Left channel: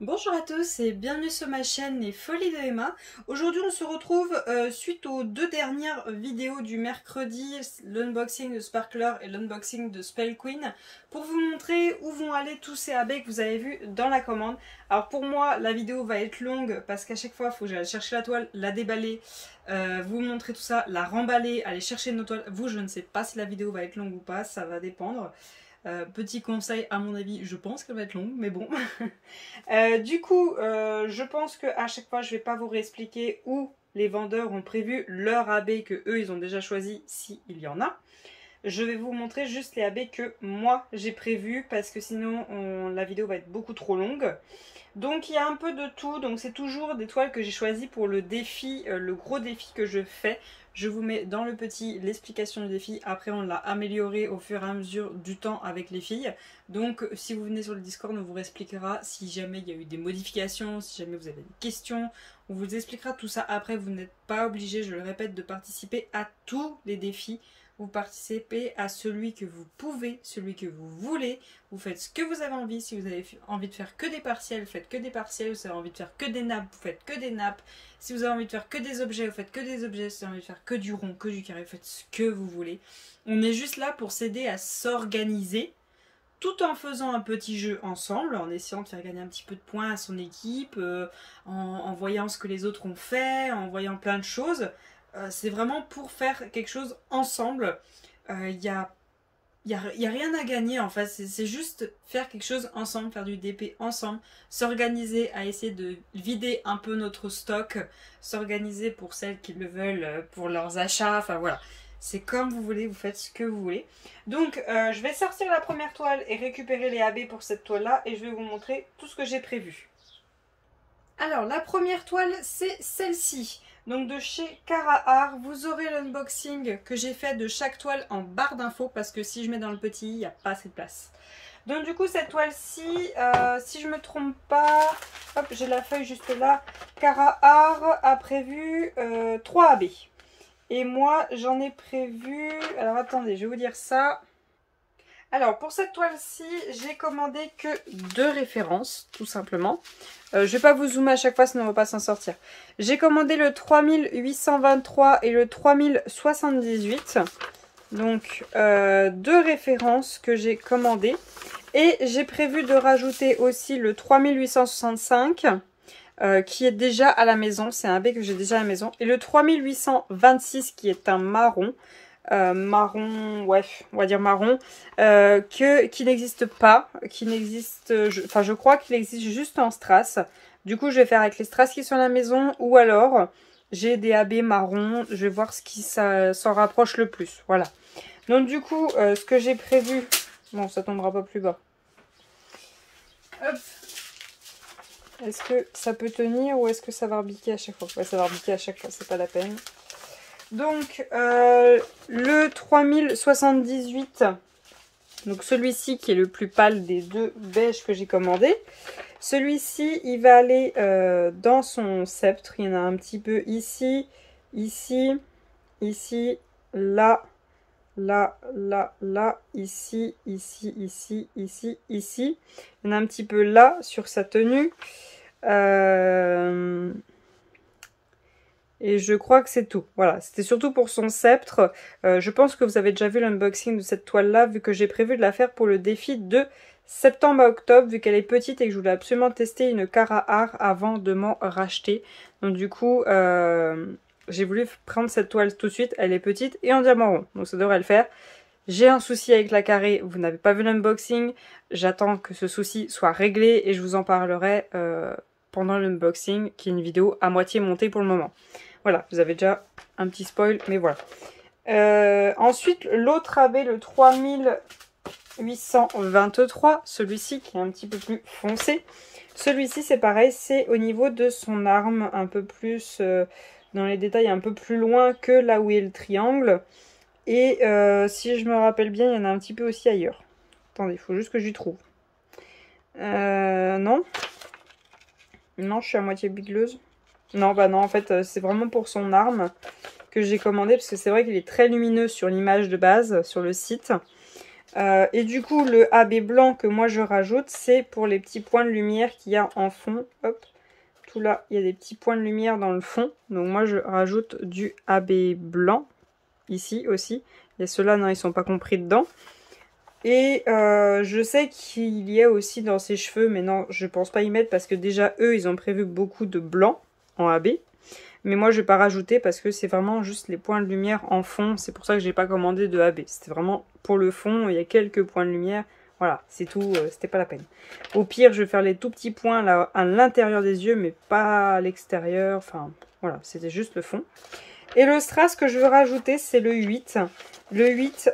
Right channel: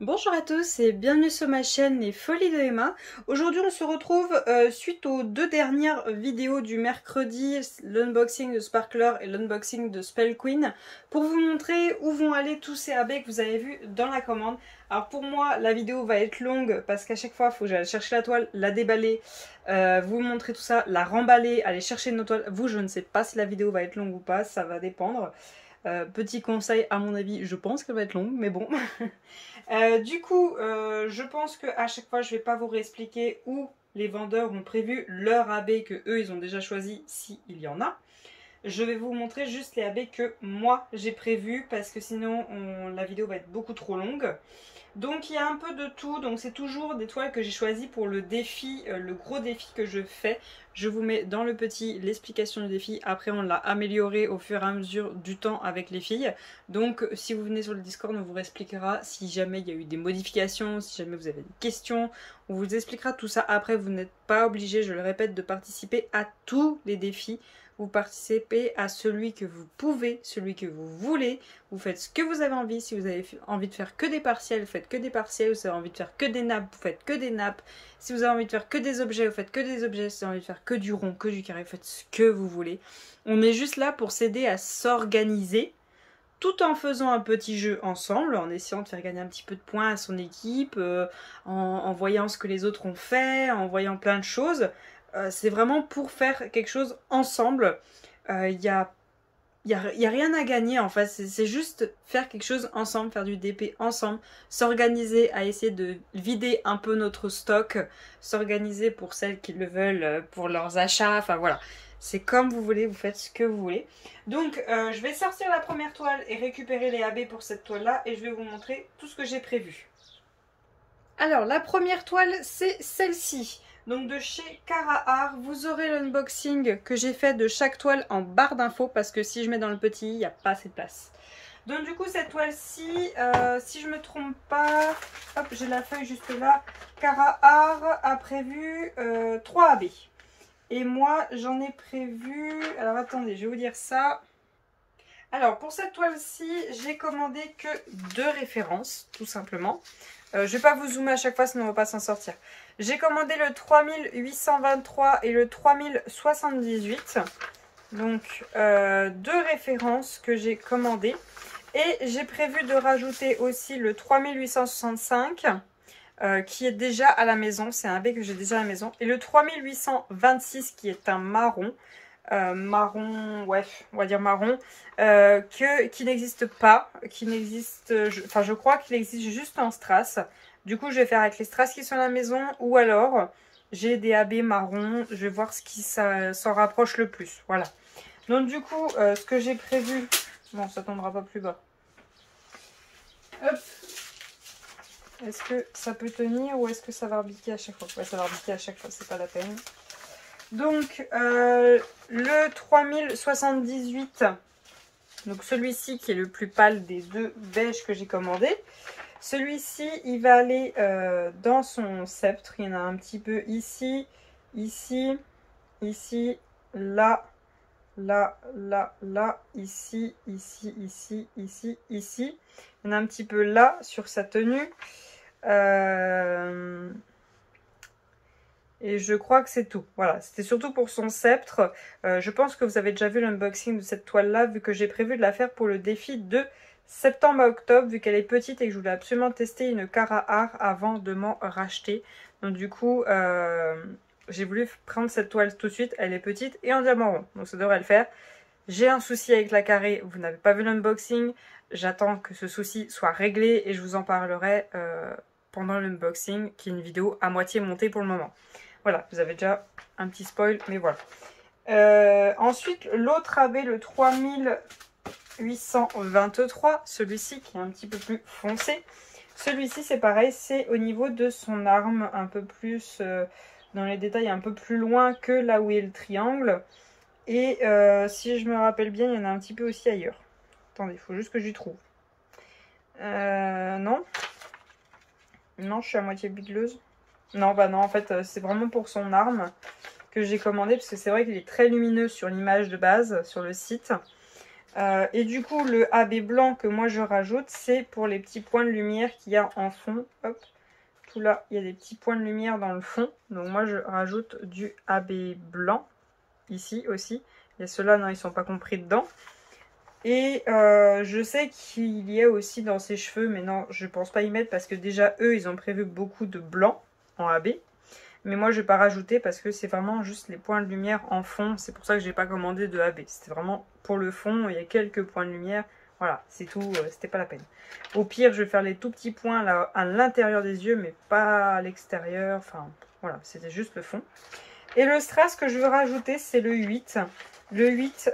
Bonjour à tous et bienvenue sur ma chaîne Les Folies de Emma. Aujourd'hui on se retrouve suite aux deux dernières vidéos du mercredi, l'unboxing de Sparkler et l'unboxing de Spell Queen, pour vous montrer où vont aller tous ces AB que vous avez vus dans la commande. Alors pour moi la vidéo va être longue parce qu'à chaque fois il faut que j'aille chercher la toile, la déballer, vous montrer tout ça, la remballer, aller chercher une autre toile. Vous, je ne sais pas si la vidéo va être longue ou pas, ça va dépendre. Petit conseil, à mon avis, je pense qu'elle va être longue, mais bon. Je pense qu'à chaque fois, je ne vais pas vous réexpliquer où les vendeurs ont prévu leur AB que eux, ils ont déjà choisi, s'il y en a. Je vais vous montrer juste les AB que moi, j'ai prévu, parce que sinon, la vidéo va être beaucoup trop longue. Donc, il y a un peu de tout. Donc, c'est toujours des toiles que j'ai choisies pour le défi, le gros défi que je fais. Je vous mets dans le petit l'explication du défi. Après, on l'a amélioré au fur et à mesure du temps avec les filles. Donc, si vous venez sur le Discord, on vous expliquera si jamais il y a eu des modifications, si jamais vous avez des questions. On vous expliquera tout ça. Après, vous n'êtes pas obligé, je le répète, de participer à tous les défis. Vous participez à celui que vous pouvez, celui que vous voulez. Vous faites ce que vous avez envie. Si vous avez envie de faire que des partiels, vous faites que des partiels. Si vous avez envie de faire que des nappes, vous faites que des nappes. Si vous avez envie de faire que des objets, vous faites que des objets. Si vous avez envie de faire que du rond, que du carré, vous faites ce que vous voulez. On est juste là pour s'aider à s'organiser, tout en faisant un petit jeu ensemble, en essayant de faire gagner un petit peu de points à son équipe, en voyant ce que les autres ont fait, en voyant plein de choses. C'est vraiment pour faire quelque chose ensemble. Il y a rien à gagner en fait, c'est juste faire quelque chose ensemble, faire du DP ensemble, s'organiser à essayer de vider un peu notre stock, s'organiser pour celles qui le veulent, pour leurs achats, enfin voilà. C'est comme vous voulez, vous faites ce que vous voulez. Donc je vais sortir la première toile et récupérer les AB pour cette toile là et je vais vous montrer tout ce que j'ai prévu. Alors la première toile c'est celle-ci. Donc de chez Cara, vous aurez l'unboxing que j'ai fait de chaque toile en barre d'infos parce que si je mets dans le petit, il n'y a pas assez de place. Donc du coup cette toile-ci, si je me trompe pas, hop j'ai la feuille juste là, Cara a prévu 3 AB. Et moi j'en ai prévu, alors attendez je vais vous dire ça. Alors pour cette toile-ci, j'ai commandé que 2 références tout simplement. Je vais pas vous zoomer à chaque fois sinon on va pas s'en sortir. J'ai commandé le 3823 et le 3078. Donc 2 références que j'ai commandées. Et j'ai prévu de rajouter aussi le 3865 qui est déjà à la maison. C'est un B que j'ai déjà à la maison. Et le 3826 qui est un marron. Marron, ouais, on va dire marron, qui n'existe pas, enfin je crois qu'il existe juste en strass. Du coup je vais faire avec les strass qui sont à la maison ou alors j'ai des AB marron, je vais voir ce qui s'en rapproche le plus, voilà. Donc du coup ce que j'ai prévu, bon ça tombera pas plus bas. Hop. Est-ce que ça peut tenir ou est-ce que ça va rebiquer à chaque fois? Ouais, ça va rebiquer à chaque fois, c'est pas la peine. Donc le 3078, donc celui-ci qui est le plus pâle des deux beiges que j'ai commandé. Celui-ci il va aller dans son sceptre, il y en a un petit peu ici, ici, ici, là, là, là, là, ici, ici, ici, ici, ici. Il y en a un petit peu là sur sa tenue. Et je crois que c'est tout. Voilà, c'était surtout pour son sceptre. Je pense que vous avez déjà vu l'unboxing de cette toile-là, vu que j'ai prévu de la faire pour le défi de septembre à octobre, vu qu'elle est petite et que je voulais absolument tester une Cara avant de m'en racheter. Donc du coup, j'ai voulu prendre cette toile tout de suite. Elle est petite et en diamant rond, donc ça devrait le faire. J'ai un souci avec la carrée, vous n'avez pas vu l'unboxing. J'attends que ce souci soit réglé et je vous en parlerai pendant l'unboxing, qui est une vidéo à moitié montée pour le moment. Voilà, vous avez déjà un petit spoil, mais voilà. Ensuite, l'autre AB, le 3823, celui-ci qui est un petit peu plus foncé. Celui-ci, c'est pareil, c'est au niveau de son arme, un peu plus dans les détails, un peu plus loin que là où est le triangle. Et si je me rappelle bien, il y en a un petit peu aussi ailleurs. Attendez, il faut juste que j'y trouve. Non. Non, je suis à moitié bigleuse. Non, bah non, en fait, c'est vraiment pour son arme que j'ai commandé, parce que c'est vrai qu'il est très lumineux sur l'image de base, sur le site. Et du coup, le AB blanc que moi je rajoute, c'est pour les petits points de lumière qu'il y a en fond. Hop, tout là, il y a des petits points de lumière dans le fond. Donc moi je rajoute du AB blanc, ici aussi. Et ceux-là, non, ils sont pas compris dedans. Et je sais qu'il y a aussi dans ses cheveux, mais non, je pense pas y mettre parce que déjà, eux, ils ont prévu beaucoup de blanc en AB. Mais moi, je vais pas rajouter parce que c'est vraiment juste les points de lumière en fond. C'est pour ça que j'ai pas commandé de AB. C'était vraiment pour le fond. Il y a quelques points de lumière. Voilà, c'est tout. C'était pas la peine. Au pire, je vais faire les tout petits points là à l'intérieur des yeux, mais pas à l'extérieur. Enfin, voilà, c'était juste le fond. Et le strass que je veux rajouter, c'est le 8. Le 8,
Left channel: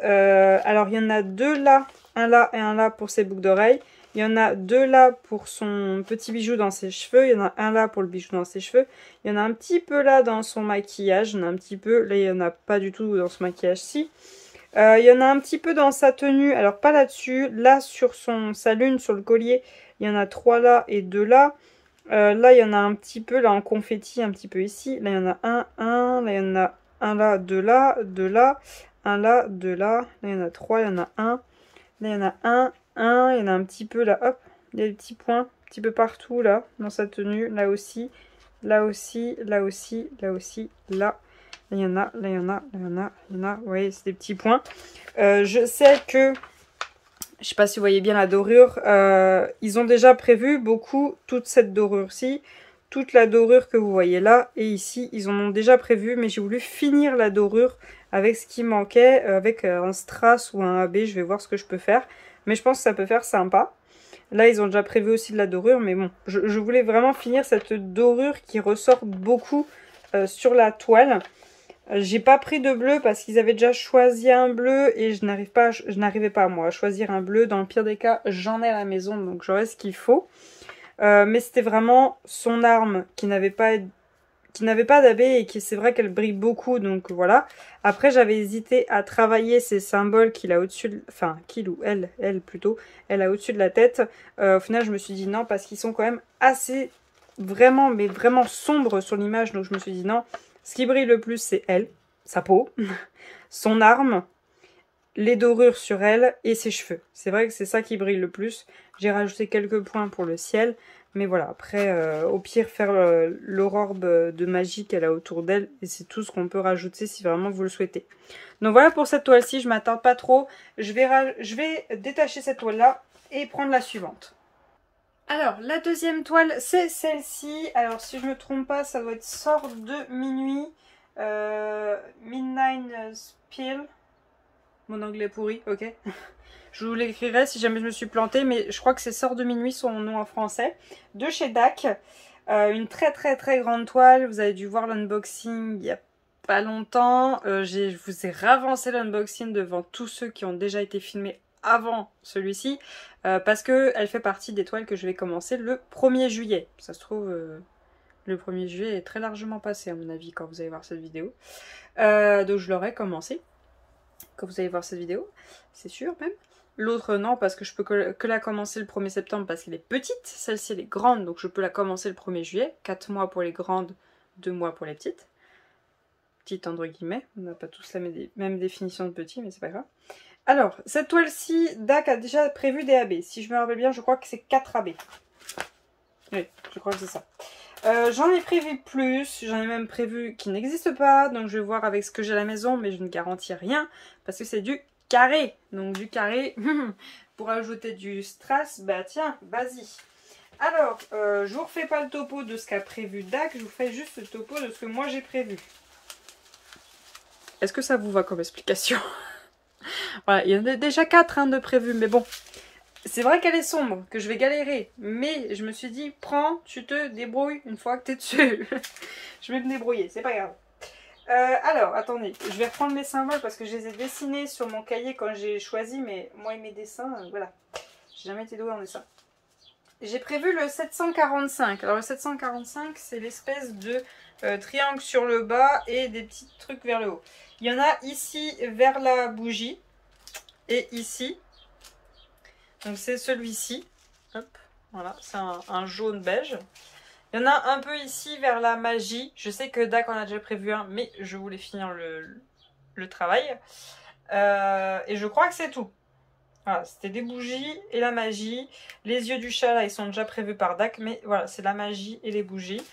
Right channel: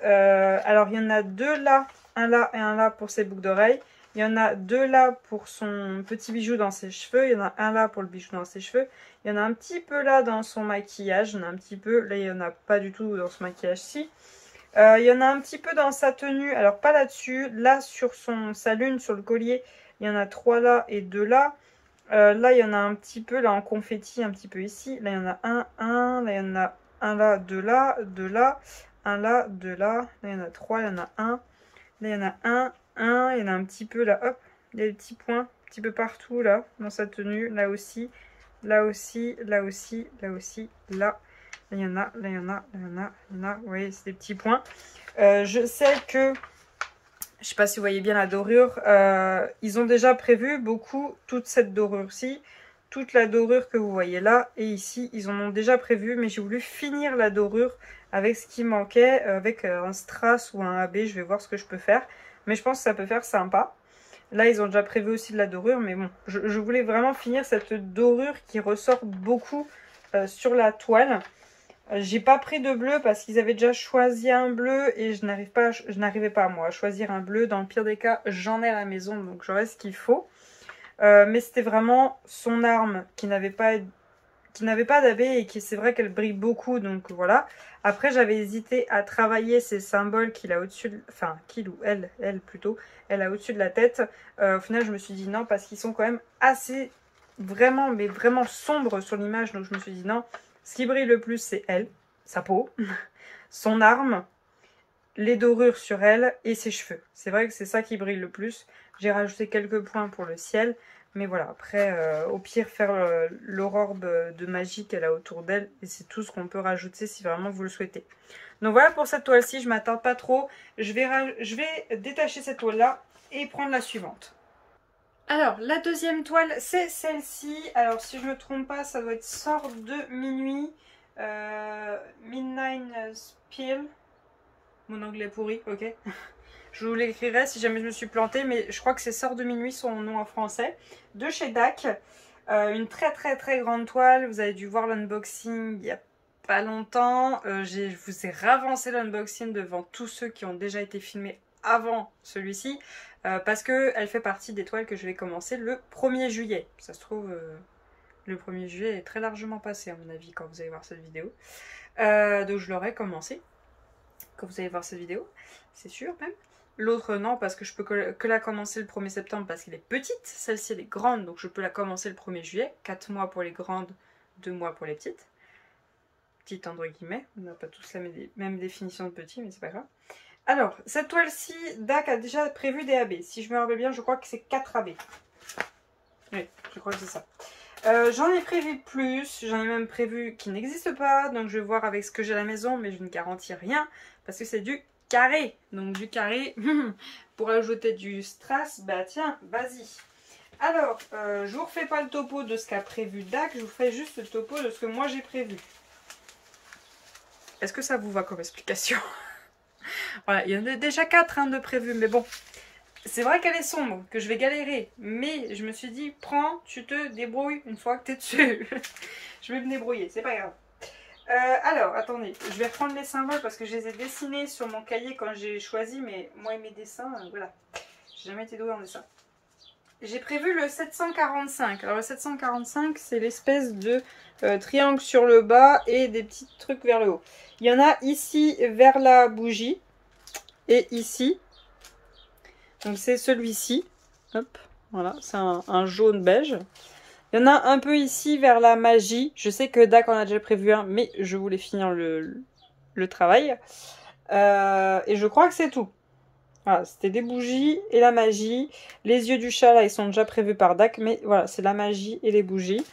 alors il y en a deux là, un là et un là pour ses boucles d'oreilles. Il y en a deux là pour son petit bijou dans ses cheveux. Il y en a un là pour le bijou dans ses cheveux. Il y en a un petit peu là dans son maquillage. Il y en a un petit peu. Là, il n'y en a pas du tout dans son maquillage-ci. Il y en a un petit peu dans sa tenue. Alors, pas là-dessus. Là, sur sa lune, sur le collier, il y en a 3 là et 2 là. Là, il y en a un petit peu là en confetti, un petit peu ici. Là, il y en a un. Là, il y en a un là, 2 là, 2 là. Un là, 2 là. Là, il y en a 3. Il y en a un. Là, il y en a un. Il y en a un petit peu là, hop, il y a des petits points, un petit peu partout là, dans sa tenue, là aussi, là aussi, là aussi, là aussi, là. Là, il y en a, là, il y en a, là, il y en a, il y en a, vous voyez, c'est des petits points. Je sais que, je sais pas si vous voyez bien la dorure, ils ont déjà prévu beaucoup toute cette dorure-ci, toute la dorure que vous voyez là, et ici, ils en ont déjà prévu, mais j'ai voulu finir la dorure avec ce qui manquait, avec un strass ou un AB, je vais voir ce que je peux faire. Mais je pense que ça peut faire sympa. Là, ils ont déjà prévu aussi de la dorure. Mais bon, je voulais vraiment finir cette dorure qui ressort beaucoup sur la toile. J'ai pas pris de bleu parce qu'ils avaient déjà choisi un bleu. Et je n'arrivais pas, moi, à choisir un bleu. Dans le pire des cas, j'en ai à la maison. Donc, j'aurai ce qu'il faut. Mais c'était vraiment son arme qui n'avait pas d'AB et qui c'est vrai qu'elle brille beaucoup, donc voilà. Après j'avais hésité à travailler ces symboles qu'il a au-dessus de... Enfin, qu'il ou elle plutôt, elle a au-dessus de la tête. Au final je me suis dit non parce qu'ils sont quand même assez vraiment, mais vraiment sombres sur l'image, donc je me suis dit non. Ce qui brille le plus c'est elle, sa peau, son arme, les dorures sur elle et ses cheveux. C'est vrai que c'est ça qui brille le plus. J'ai rajouté quelques points pour le ciel. Mais voilà, après, au pire, faire l'aurore de magie qu'elle a autour d'elle. Et c'est tout ce qu'on peut rajouter si vraiment vous le souhaitez. Donc voilà pour cette toile-ci, je ne m'attends pas trop. Je vais détacher cette toile-là et prendre la suivante. Alors, la deuxième toile, c'est celle-ci. Alors, si je ne me trompe pas, ça doit être Sort de minuit. Midnight Spill. Mon anglais est pourri, ok. Je vous l'écrirai si jamais je me suis plantée, mais je crois que c'est Sort de minuit son nom en français. De chez DAC. Une très très très grande toile. Vous avez dû voir l'unboxing il n'y a pas longtemps. Je vous ai ravancé l'unboxing devant tous ceux qui ont déjà été filmés avant celui-ci. Parce qu'elle fait partie des toiles que je vais commencer le 1er juillet. Ça se trouve, le 1er juillet est très largement passé à mon avis quand vous allez voir cette vidéo. Donc je l'aurai commencé quand vous allez voir cette vidéo. C'est sûr même. L'autre non parce que je peux que la commencer le 1er septembre parce qu'elle est petite. Celle-ci elle est grande donc je peux la commencer le 1er juillet. 4 mois pour les grandes, 2 mois pour les petites. Petites entre guillemets. On n'a pas tous la même définition de petit mais c'est pas grave. Alors cette toile-ci, DAC a déjà prévu des AB. Si je me rappelle bien je crois que c'est 4 AB. Oui je crois que c'est ça. J'en ai prévu plus, j'en ai même prévu qui n'existent pas, donc je vais voir avec ce que j'ai à la maison, mais je ne garantis rien, parce que c'est du carré. Donc du carré, pour ajouter du strass, bah tiens, vas-y. Alors, je vous refais pas le topo de ce qu'a prévu DAC, je vous fais juste le topo de ce que moi j'ai prévu. Est-ce que ça vous va comme explication? Voilà, il y en a déjà 4 de prévus, mais bon. C'est vrai qu'elle est sombre, que je vais galérer, mais je me suis dit, prends, tu te débrouilles une fois que tu es dessus. Je vais me débrouiller, c'est pas grave. Alors, attendez, je vais reprendre mes symboles parce que je les ai dessinés sur mon cahier quand j'ai choisi, mais moi et mes dessins, voilà. J'ai jamais été douée en dessin. J'ai prévu le 745. Alors le 745, c'est l'espèce de triangle sur le bas et des petits trucs vers le haut. Il y en a ici vers la bougie et ici. Donc c'est celui-ci. Hop, voilà, c'est un jaune beige. Il y en a un peu ici vers la magie. Je sais que DAC en a déjà prévu un, mais je voulais finir le travail. Et je crois que c'est tout. Voilà, c'était des bougies et la magie. Les yeux du chat, là, ils sont déjà prévus par Dac. Mais voilà, c'est la magie et les bougies.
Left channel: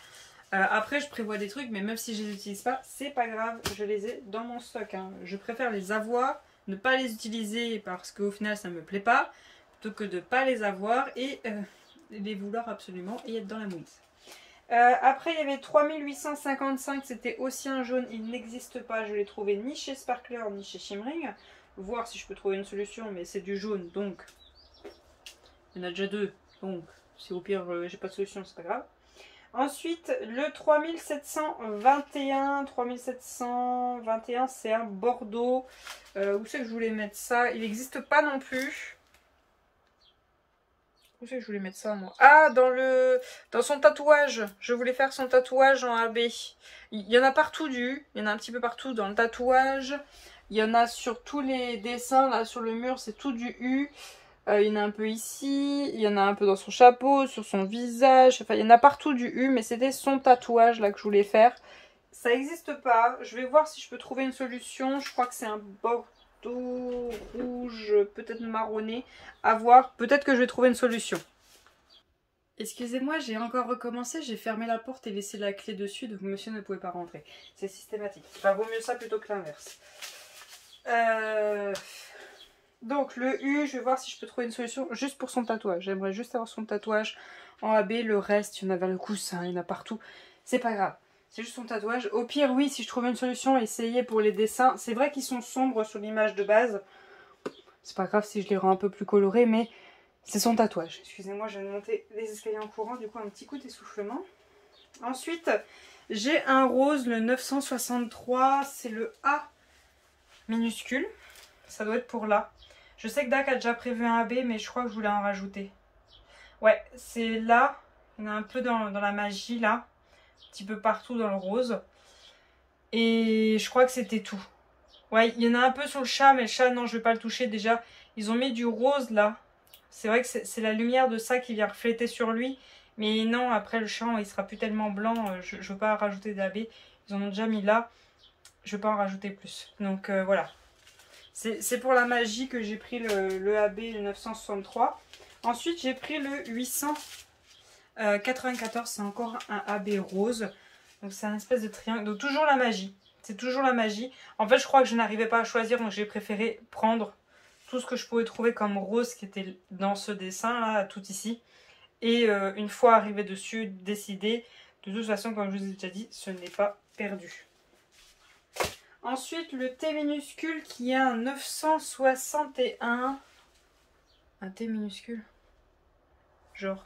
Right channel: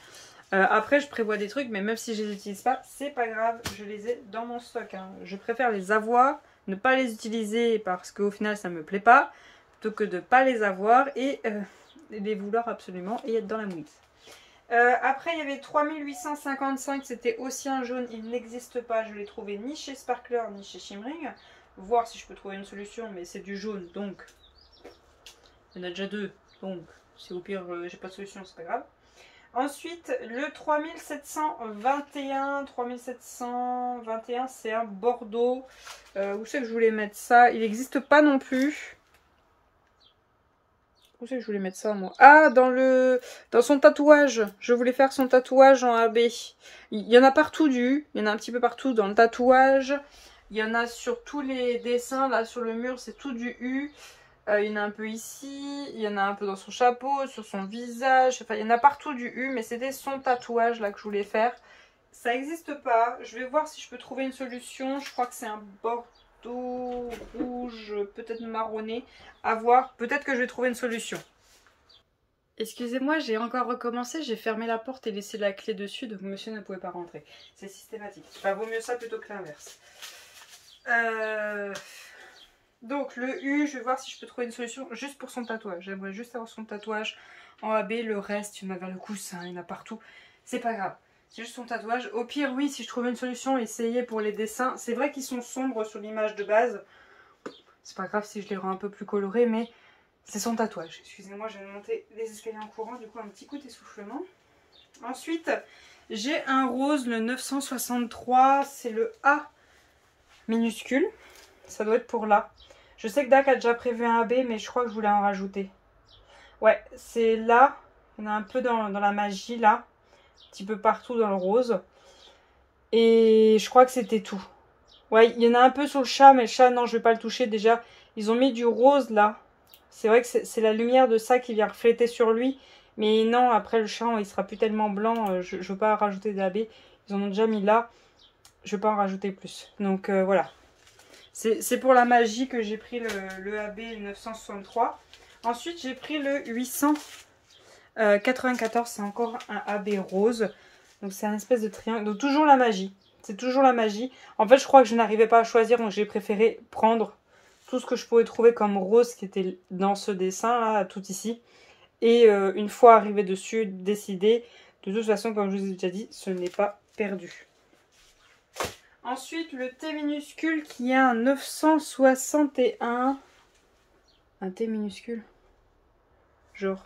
Après, je prévois des trucs, mais même si je les utilise pas, c'est pas grave. Je les ai dans mon stock. Hein. Je préfère les avoir, ne pas les utiliser parce qu'au final, ça me plaît pas. Plutôt que de pas les avoir et les vouloir absolument et être dans la mouise. Après, il y avait 3855. C'était aussi un jaune. Il n'existe pas. Je l'ai trouvé ni chez Sparkler ni chez Shimmering. Voir si je peux trouver une solution, mais c'est du jaune, donc il y en a déjà deux, donc si au pire j'ai pas de solution, c'est pas grave. Ensuite, le 3721, 3721, c'est un Bordeaux. Où c'est que je voulais mettre ça? Il n'existe pas non plus. Où c'est que je voulais mettre ça, moi? Ah, dans son tatouage. Je voulais faire son tatouage en AB. Il y en a partout il y en a un petit peu partout dans le tatouage. Il y en a sur tous les dessins, là sur le mur, c'est tout du U. Il y en a un peu ici, il y en a un peu dans son chapeau, sur son visage. Enfin, il y en a partout du U, mais c'était son tatouage là que je voulais faire. Ça n'existe pas. Je vais voir si je peux trouver une solution. Je crois que c'est un bordeaux rouge, peut-être marronné. À voir. Peut-être que je vais trouver une solution. Excusez-moi, j'ai encore recommencé, j'ai fermé la porte et laissé la clé dessus, donc monsieur ne pouvait pas rentrer. C'est systématique. Enfin, vaut mieux ça plutôt que l'inverse. Donc le U, je vais voir si je peux trouver une solution juste pour son tatouage. J'aimerais juste avoir son tatouage en AB. Le reste, il y en a vers le coussin, il y en a partout. C'est pas grave. C'est juste son tatouage. Au pire, oui, si je trouve une solution, essayer pour les dessins. C'est vrai qu'ils sont sombres sur l'image de base. C'est pas grave si je les rends un peu plus colorés, mais c'est son tatouage. Excusez-moi, je viens de monter les escaliers en courant, du coup un petit coup d'essoufflement. Ensuite, j'ai un rose, le 963. C'est le A minuscule. Ça doit être pour là. Je sais que Dac a déjà prévu un AB, mais je crois que je voulais en rajouter. Ouais, c'est là. Il y en a un peu dans la magie, là. Un petit peu partout dans le rose. Et je crois que c'était tout. Ouais, il y en a un peu sur le chat, mais le chat, non, je vais pas le toucher. Déjà, ils ont mis du rose, là. C'est vrai que c'est la lumière de ça qui vient refléter sur lui. Mais non, après, le chat, il sera plus tellement blanc. Je veux pas rajouter d'AB. Ils en ont déjà mis là. Je veux pas en rajouter plus. Donc, voilà. C'est pour la magie que j'ai pris le AB 963. Ensuite, j'ai pris le 894. C'est encore un AB rose. Donc, c'est un espèce de triangle. Donc, toujours la magie. C'est toujours la magie. En fait, je crois que je n'arrivais pas à choisir. Donc, j'ai préféré prendre tout ce que je pouvais trouver comme rose qui était dans ce dessin-là, tout ici. Et une fois arrivé dessus, décider. De toute façon, comme je vous ai déjà dit, ce n'est pas perdu. Ensuite, le T minuscule qui est un 961. Un T minuscule? Genre.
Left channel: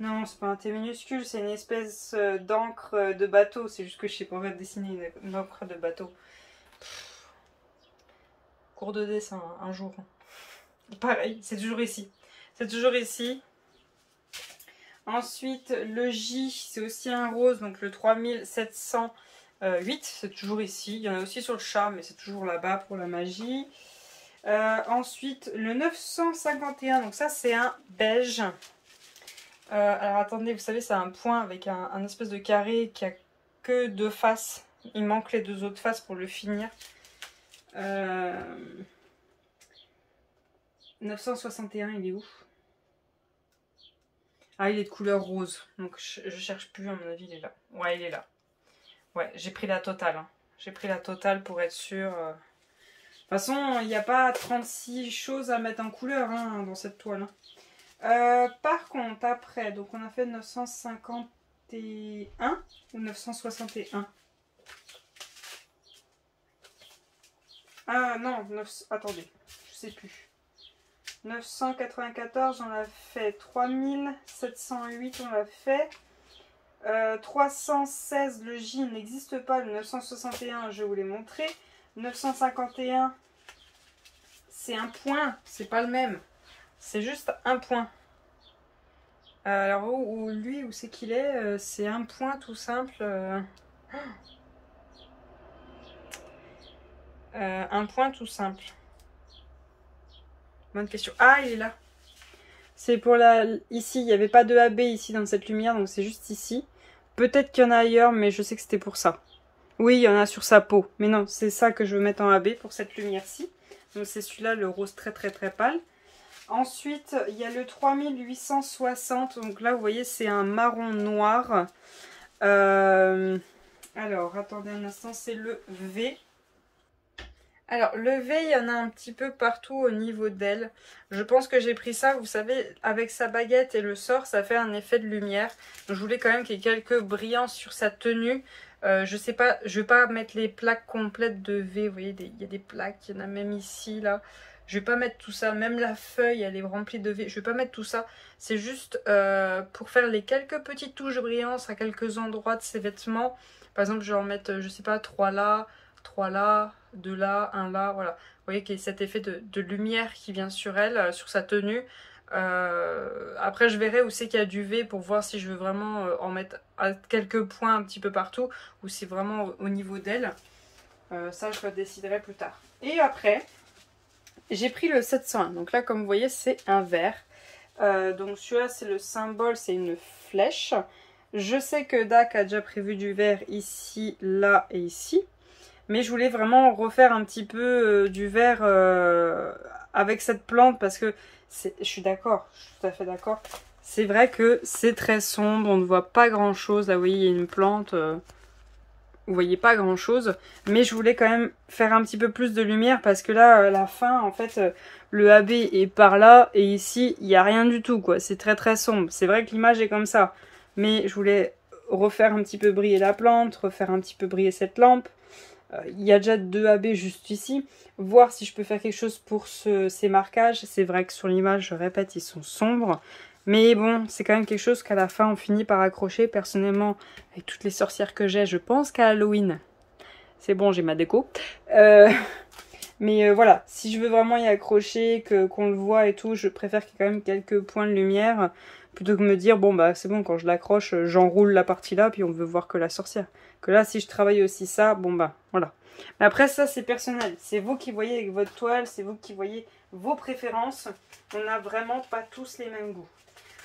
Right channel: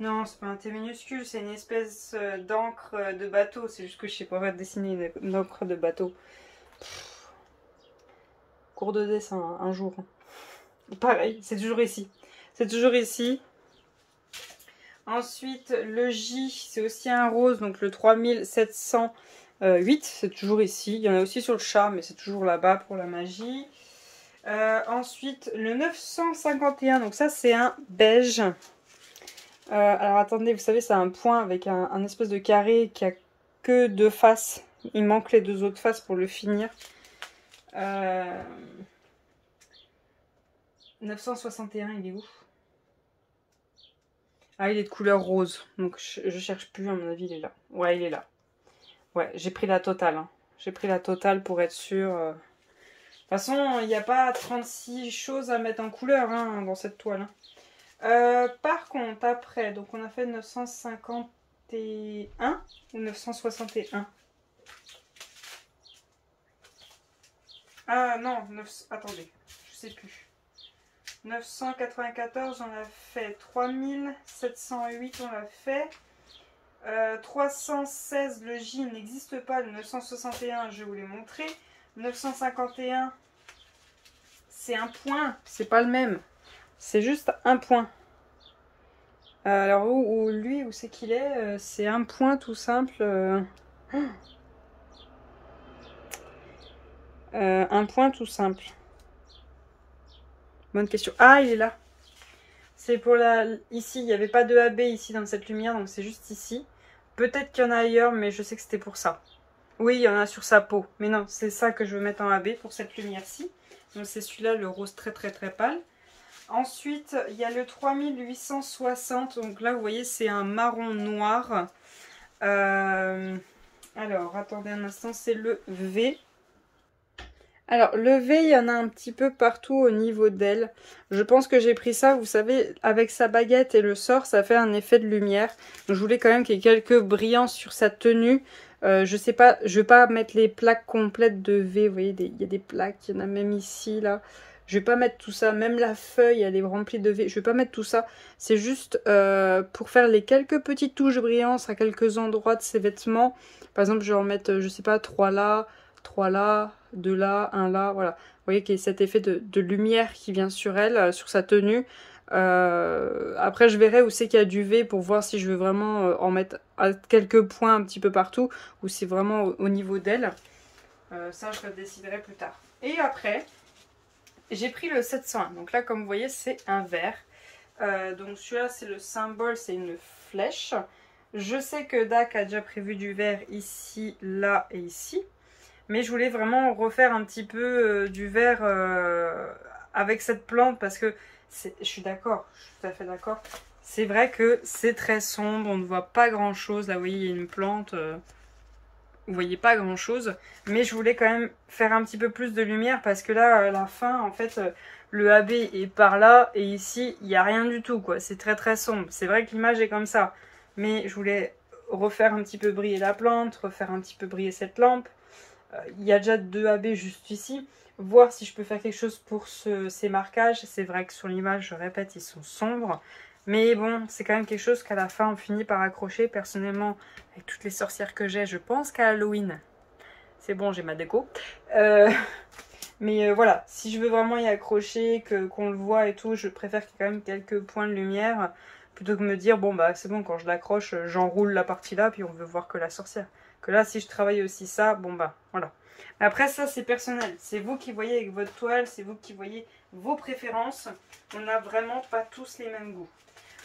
Non, c'est pas un T minuscule, c'est une espèce d'encre de bateau. C'est juste que je sais pas dessiner une encre de bateau. Cours de dessin, hein, un jour. Pareil, c'est toujours ici. C'est toujours ici. Ensuite, le J, c'est aussi un rose, donc le 3708, c'est toujours ici. Il y en a aussi sur le chat, mais c'est toujours là-bas pour la magie. Ensuite, le 951, donc ça c'est un beige. Alors attendez, vous savez, c'est un point avec un espèce de carré qui a que deux faces. Il manque les deux autres faces pour le finir. 961, il est où? Ah, il est de couleur rose. Donc je cherche plus, à mon avis, il est là. Ouais, il est là. Ouais, j'ai pris la totale. Hein. J'ai pris la totale pour être sûr. De toute façon, il n'y a pas 36 choses à mettre en couleur hein, dans cette toile. Hein. Par contre, après, donc on a fait 951 ou 961. Ah non, attendez, je sais plus. 994, on l'a fait. 3708, on l'a fait. 316, le J n'existe pas. Le 961, je vais vous les montrer. 951, c'est un point. C'est pas le même. C'est juste un point. Alors, lui, où c'est qu'il est, c'est un point tout simple. Un point tout simple. Bonne question. Ah, il est là. C'est pour la... Ici, il n'y avait pas de AB ici dans cette lumière, donc c'est juste ici. Peut-être qu'il y en a ailleurs, mais je sais que c'était pour ça. Oui, il y en a sur sa peau. Mais non, c'est ça que je veux mettre en AB pour cette lumière-ci. Donc c'est celui-là, le rose très pâle. Ensuite, il y a le 3860. Donc là, vous voyez, c'est un marron noir. Alors, attendez un instant, c'est le V. Alors, le V, il y en a un petit peu partout au niveau d'elle. Je pense que j'ai pris ça, vous savez, avec sa baguette et le sort, ça fait un effet de lumière. Donc, je voulais quand même qu'il y ait quelques brillants sur sa tenue. Je sais pas, je vais pas mettre les plaques complètes de V. Vous voyez, il y a des plaques, il y en a même ici, là. Je vais pas mettre tout ça, même la feuille, elle est remplie de V. Je vais pas mettre tout ça. C'est juste pour faire les quelques petites touches brillantes à quelques endroits de ses vêtements. Par exemple, je vais en mettre, je sais pas, 3 là, 2 là, 1 là, voilà. Vous voyez qu'il y a cet effet de lumière qui vient sur elle, sur sa tenue. Après, je verrai où c'est qu'il y a du V pour voir si je veux vraiment en mettre à quelques points un petit peu partout ou c'est vraiment au niveau d'elle. Ça, je déciderai plus tard. Et après, j'ai pris le 701. Donc là, comme vous voyez, c'est un vert. Donc celui-là, c'est le symbole, c'est une flèche. Je sais que Dak a déjà prévu du vert ici, là et ici. Mais je voulais vraiment refaire un petit peu du vert avec cette plante parce que je suis d'accord, je suis tout à fait d'accord. C'est vrai que c'est très sombre, on ne voit pas grand chose. Là, vous voyez, il y a une plante, vous voyez pas grand chose. Mais je voulais quand même faire un petit peu plus de lumière parce que là, la fin, en fait, le AB est par là et ici, il n'y a rien du tout, quoi. C'est très sombre. C'est vrai que l'image est comme ça. Mais je voulais refaire un petit peu briller la plante, refaire un petit peu briller cette lampe. Il y a déjà 2 AB juste ici. Voir si je peux faire quelque chose pour ces marquages. C'est vrai que sur l'image, je répète, ils sont sombres. Mais bon, c'est quand même quelque chose qu'à la fin, on finit par accrocher. Personnellement, avec toutes les sorcières que j'ai, je pense qu'à Halloween, c'est bon, j'ai ma déco. Mais voilà, si je veux vraiment y accrocher, qu'on le voit et tout, je préfère qu'il y ait quand même quelques points de lumière. Plutôt que me dire, bon bah c'est bon, quand je l'accroche, j'enroule la partie là, puis on veut voir que la sorcière. Que là, si je travaille aussi ça, bon bah voilà. Mais après ça, c'est personnel. C'est vous qui voyez avec votre toile, c'est vous qui voyez vos préférences. On n'a vraiment pas tous les mêmes goûts.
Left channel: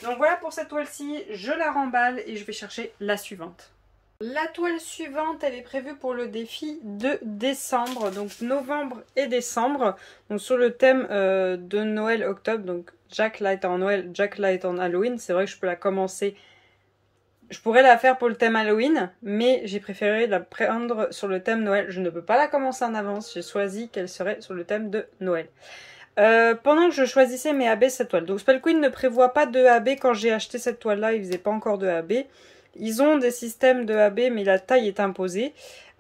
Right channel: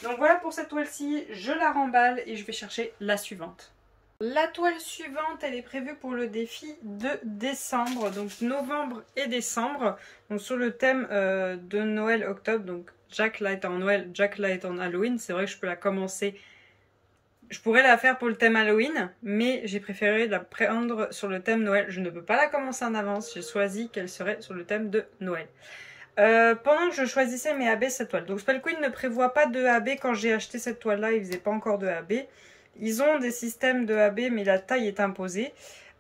Donc voilà pour cette toile-ci, je la remballe et je vais chercher la suivante. La toile suivante, elle est prévue pour le défi de décembre, donc novembre et décembre, donc sur le thème de Noël-Octobre, donc Jack Light en Noël, Jack Light en Halloween. C'est vrai que je peux la commencer, je pourrais la faire pour le thème Halloween, mais j'ai préféré la prendre sur le thème Noël. Je ne peux pas la commencer en avance, j'ai choisi qu'elle serait sur le thème de Noël. Pendant que je choisissais mes AB, cette toile, donc Spell Queen ne prévoit pas de AB. Quand j'ai acheté cette toile là, il faisait pas encore de AB. Ils ont des systèmes de AB, mais la taille est imposée.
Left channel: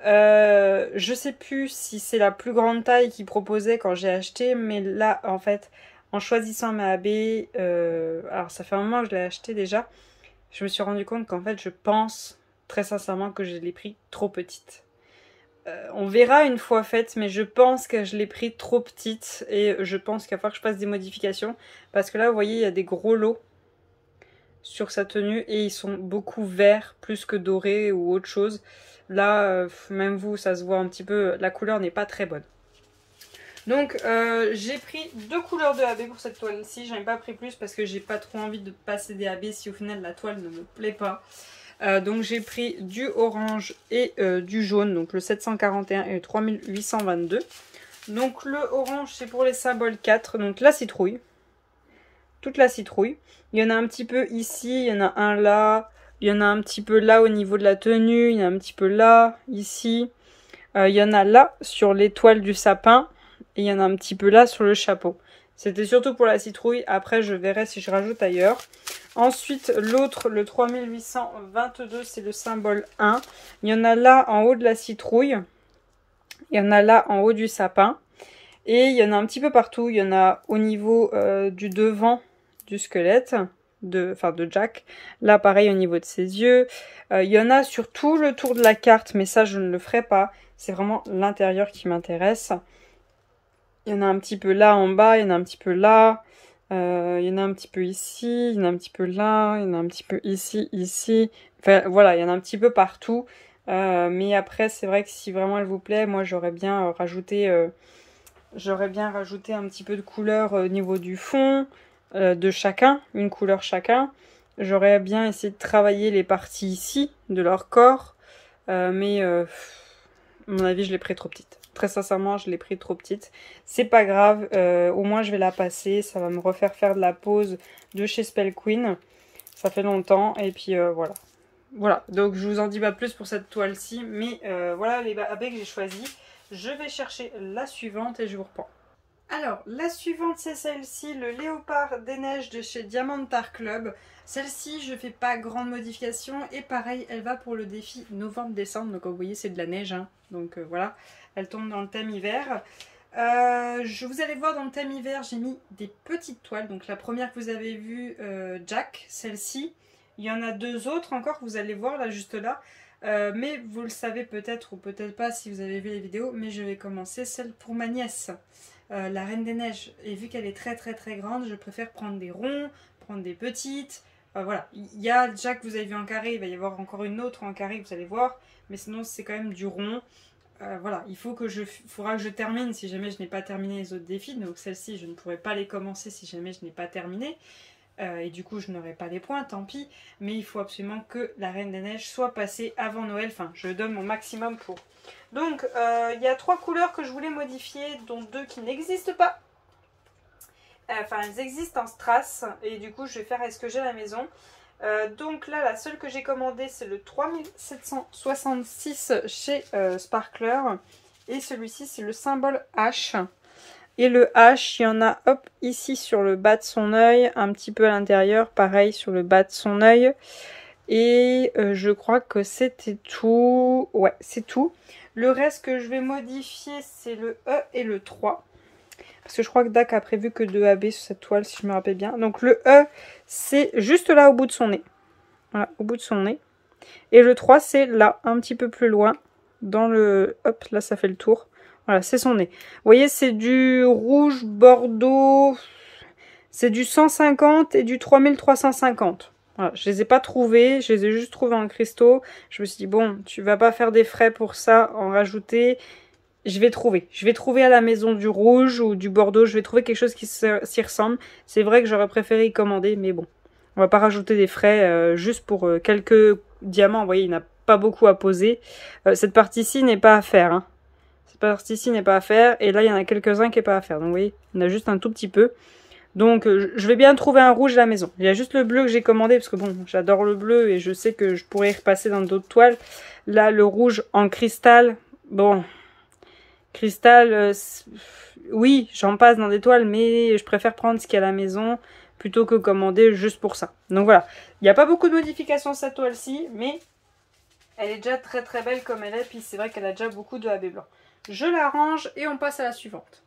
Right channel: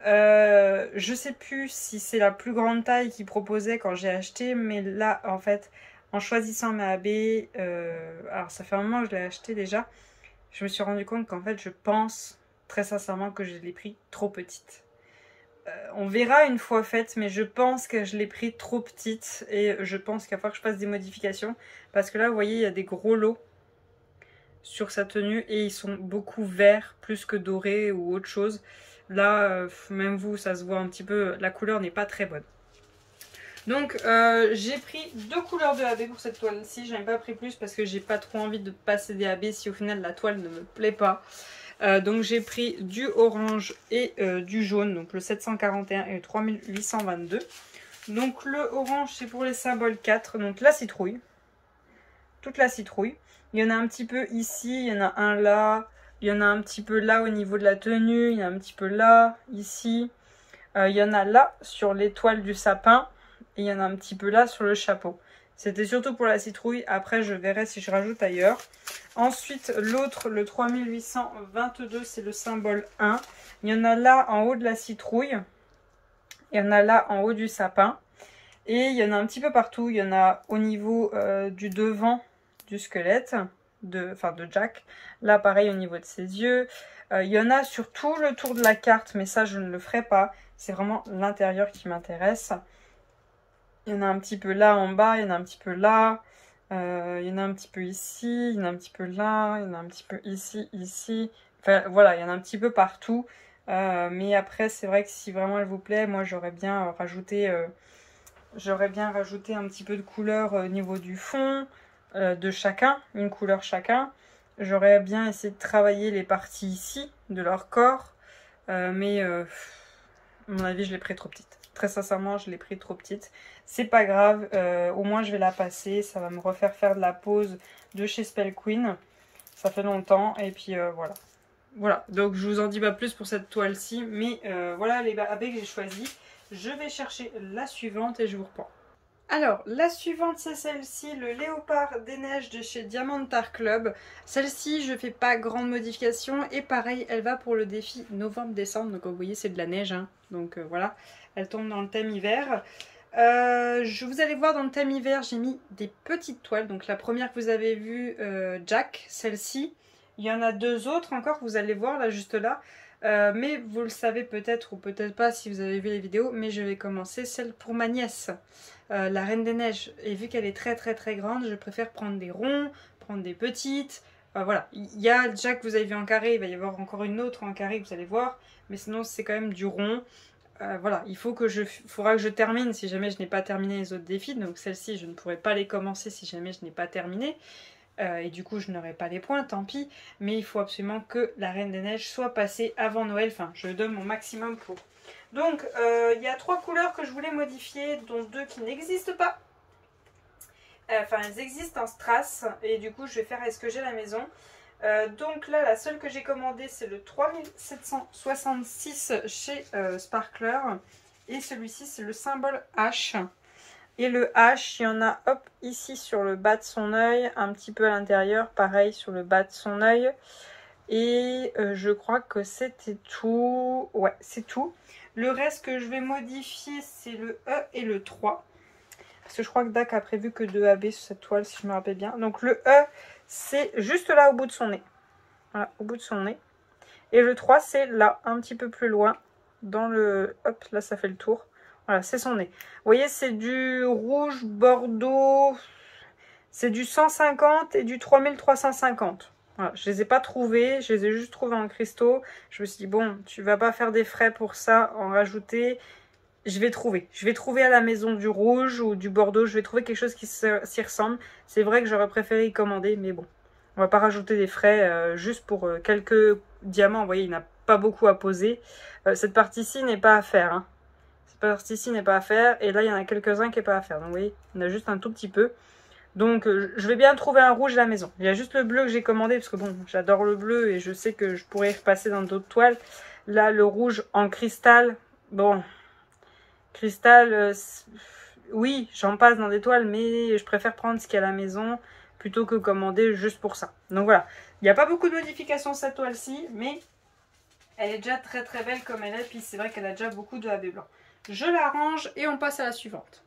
Je sais plus si c'est la plus grande taille qu'ils proposaient quand j'ai acheté, mais là, en fait, en choisissant ma AB, alors ça fait un moment que je l'ai acheté déjà, je me suis rendu compte qu'en fait, je pense très sincèrement que je l'ai pris trop petite. On verra une fois faite, mais je pense que je l'ai pris trop petite et je pense qu'il va falloir que je fasse des modifications parce que là, vous voyez, il y a des gros lots sur sa tenue et ils sont beaucoup verts plus que dorés ou autre chose. Là, même vous, ça se voit un petit peu, la couleur n'est pas très bonne. Donc j'ai pris 2 couleurs de AB pour cette toile-ci. J'en ai pas pris plus parce que j'ai pas trop envie de passer des AB si au final la toile ne me plaît pas. Donc j'ai pris du orange et du jaune, donc le 741 et le 3822. Donc le orange c'est pour les symboles 4, donc la citrouille. Toute la citrouille. Il y en a un petit peu ici, il y en a un là, il y en a un petit peu là au niveau de la tenue, il y en a un petit peu là, ici. Il y en a là sur l'étoile du sapin et il y en a un petit peu là sur le chapeau. C'était surtout pour la citrouille, après je verrai si je rajoute ailleurs. Ensuite l'autre, le 3822, c'est le symbole 1. Il y en a là en haut de la citrouille, il y en a là en haut du sapin. Et il y en a un petit peu partout, il y en a au niveau du devant du squelette, de Jack. Là pareil au niveau de ses yeux. Il y en a sur tout le tour de la carte, mais ça je ne le ferai pas. C'est vraiment l'intérieur qui m'intéresse. Il y en a un petit peu là en bas, il y en a un petit peu là. Il y en a un petit peu ici, il y en a un petit peu là, il y en a un petit peu ici, ici. Enfin voilà, il y en a un petit peu partout. Mais après c'est vrai que si vraiment elle vous plaît, moi j'aurais bien rajouté... J'aurais bien rajouté un petit peu de couleur au niveau du fond de chacun, une couleur chacun. J'aurais bien essayé de travailler les parties ici de leur corps, mais à mon avis je l'ai pris trop petite. très sincèrement, je l'ai pris trop petite. C'est pas grave, au moins je vais la passer. Ça va me refaire faire de la pose de chez Spell Queen. Ça fait longtemps, et puis voilà. Voilà, donc je vous en dis pas plus pour cette toile-ci, mais voilà les baies que j'ai choisies. Je vais chercher la suivante et je vous reprends. Alors, la suivante, c'est celle-ci, le Léopard des Neiges de chez Diamantar Club. Celle-ci, je fais pas grande modification. Et pareil, elle va pour le défi novembre-décembre. Donc, vous voyez, c'est de la neige. Hein. Donc, voilà, elle tombe dans le thème hiver. Vous allez voir, dans le thème hiver, j'ai mis des petites toiles. Donc, la première que vous avez vue, Jack, celle-ci. Il y en a deux autres encore, vous allez voir, là, juste là. Mais vous le savez peut-être ou peut-être pas si vous avez vu les vidéos. Mais je vais commencer celle pour ma nièce. La Reine des Neiges, et vu qu'elle est très grande, je préfère prendre des ronds, prendre des petites. Voilà, il y a déjà que vous avez vu en carré, il va y avoir encore une autre en carré, vous allez voir, mais sinon c'est quand même du rond. Voilà, faudra que je termine si jamais je n'ai pas terminé les autres défis, donc celle-ci je ne pourrai pas les commencer si jamais je n'ai pas terminé. Et du coup je n'aurai pas les points, tant pis, mais il faut absolument que la Reine des Neiges soit passée avant Noël, enfin je donne mon maximum pour. Donc, il y a 3 couleurs que je voulais modifier, dont 2 qui n'existent pas. Enfin, elles existent en strass, et du coup, je vais faire avec ce que j'ai à la maison. Donc là, la seule que j'ai commandée, c'est le 3766 chez Sparkler. Et celui-ci, c'est le symbole H. Et le H, il y en a, hop, ici sur le bas de son œil, un petit peu à l'intérieur, pareil sur le bas de son œil. Et je crois que c'était tout. Ouais, c'est tout. Le reste que je vais modifier, c'est le E et le 3. Parce que je crois que Dak a prévu que 2 AB sur cette toile, si je me rappelle bien. Donc le E, c'est juste là au bout de son nez. Voilà, au bout de son nez. Et le 3, c'est là, un petit peu plus loin. Dans le... Hop, là, ça fait le tour. Voilà, c'est son nez. Vous voyez, c'est du rouge bordeaux. C'est du 150 et du 3350. Voilà, je les ai pas trouvés, je les ai juste trouvés en cristaux. Je me suis dit, bon, tu vas pas faire des frais pour ça, en rajouter. Je vais trouver à la maison du rouge ou du bordeaux. Je vais trouver quelque chose qui s'y ressemble. C'est vrai que j'aurais préféré y commander, mais bon. On va pas rajouter des frais juste pour quelques diamants. Vous voyez, il n'y en a pas beaucoup à poser. Cette partie-ci n'est pas à faire. Hein. Cette partie-ci n'est pas à faire. Et là, il y en a quelques-uns qui n'est pas à faire. Donc, vous voyez, il y en a juste un tout petit peu. Donc je vais bien trouver un rouge à la maison. Il y a juste le bleu que j'ai commandé parce que bon, j'adore le bleu et je sais que je pourrais y repasser dans d'autres toiles. Là, le rouge en cristal, bon, cristal, oui, j'en passe dans des toiles, mais je préfère prendre ce qu'il y a à la maison plutôt que commander juste pour ça. Donc voilà, il n'y a pas beaucoup de modifications cette toile-ci, mais elle est déjà très belle comme elle est. Puis c'est vrai qu'elle a déjà beaucoup de AB blanc. Je la range et on passe à la suivante.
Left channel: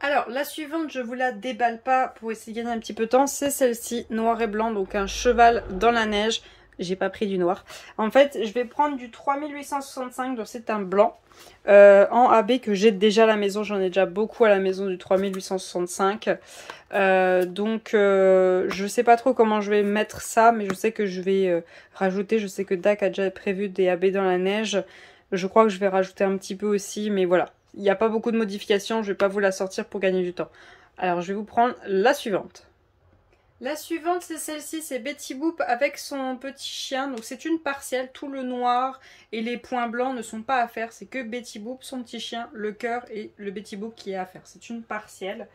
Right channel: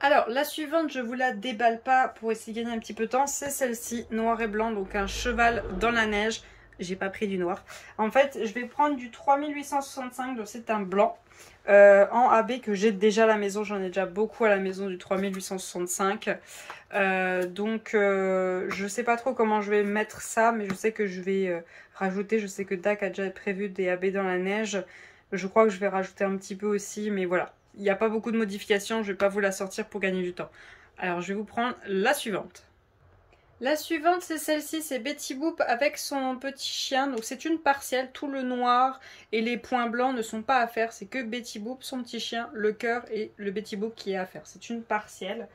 Alors, la suivante, je vous la déballe pas pour essayer de gagner un petit peu de temps. C'est celle-ci, noir et blanc, donc un cheval dans la neige. J'ai pas pris du noir. En fait, je vais prendre du 3865, donc c'est un blanc, en AB que j'ai déjà à la maison. J'en ai déjà beaucoup à la maison du 3865. Je sais pas trop comment je vais mettre ça, mais je sais que je vais rajouter. Je sais que Dak a déjà prévu des AB dans la neige. Je crois que je vais rajouter un petit peu aussi, mais voilà. Il n'y a pas beaucoup de modifications, je ne vais pas vous la sortir pour gagner du temps. Alors je vais vous prendre la suivante. La suivante c'est celle-ci, c'est Betty Boop avec son petit chien. Donc c'est une partielle, tout le noir et les points blancs ne sont pas à faire. C'est que Betty Boop, son petit chien, le cœur et le Betty Boop qui est à faire. C'est une partielle.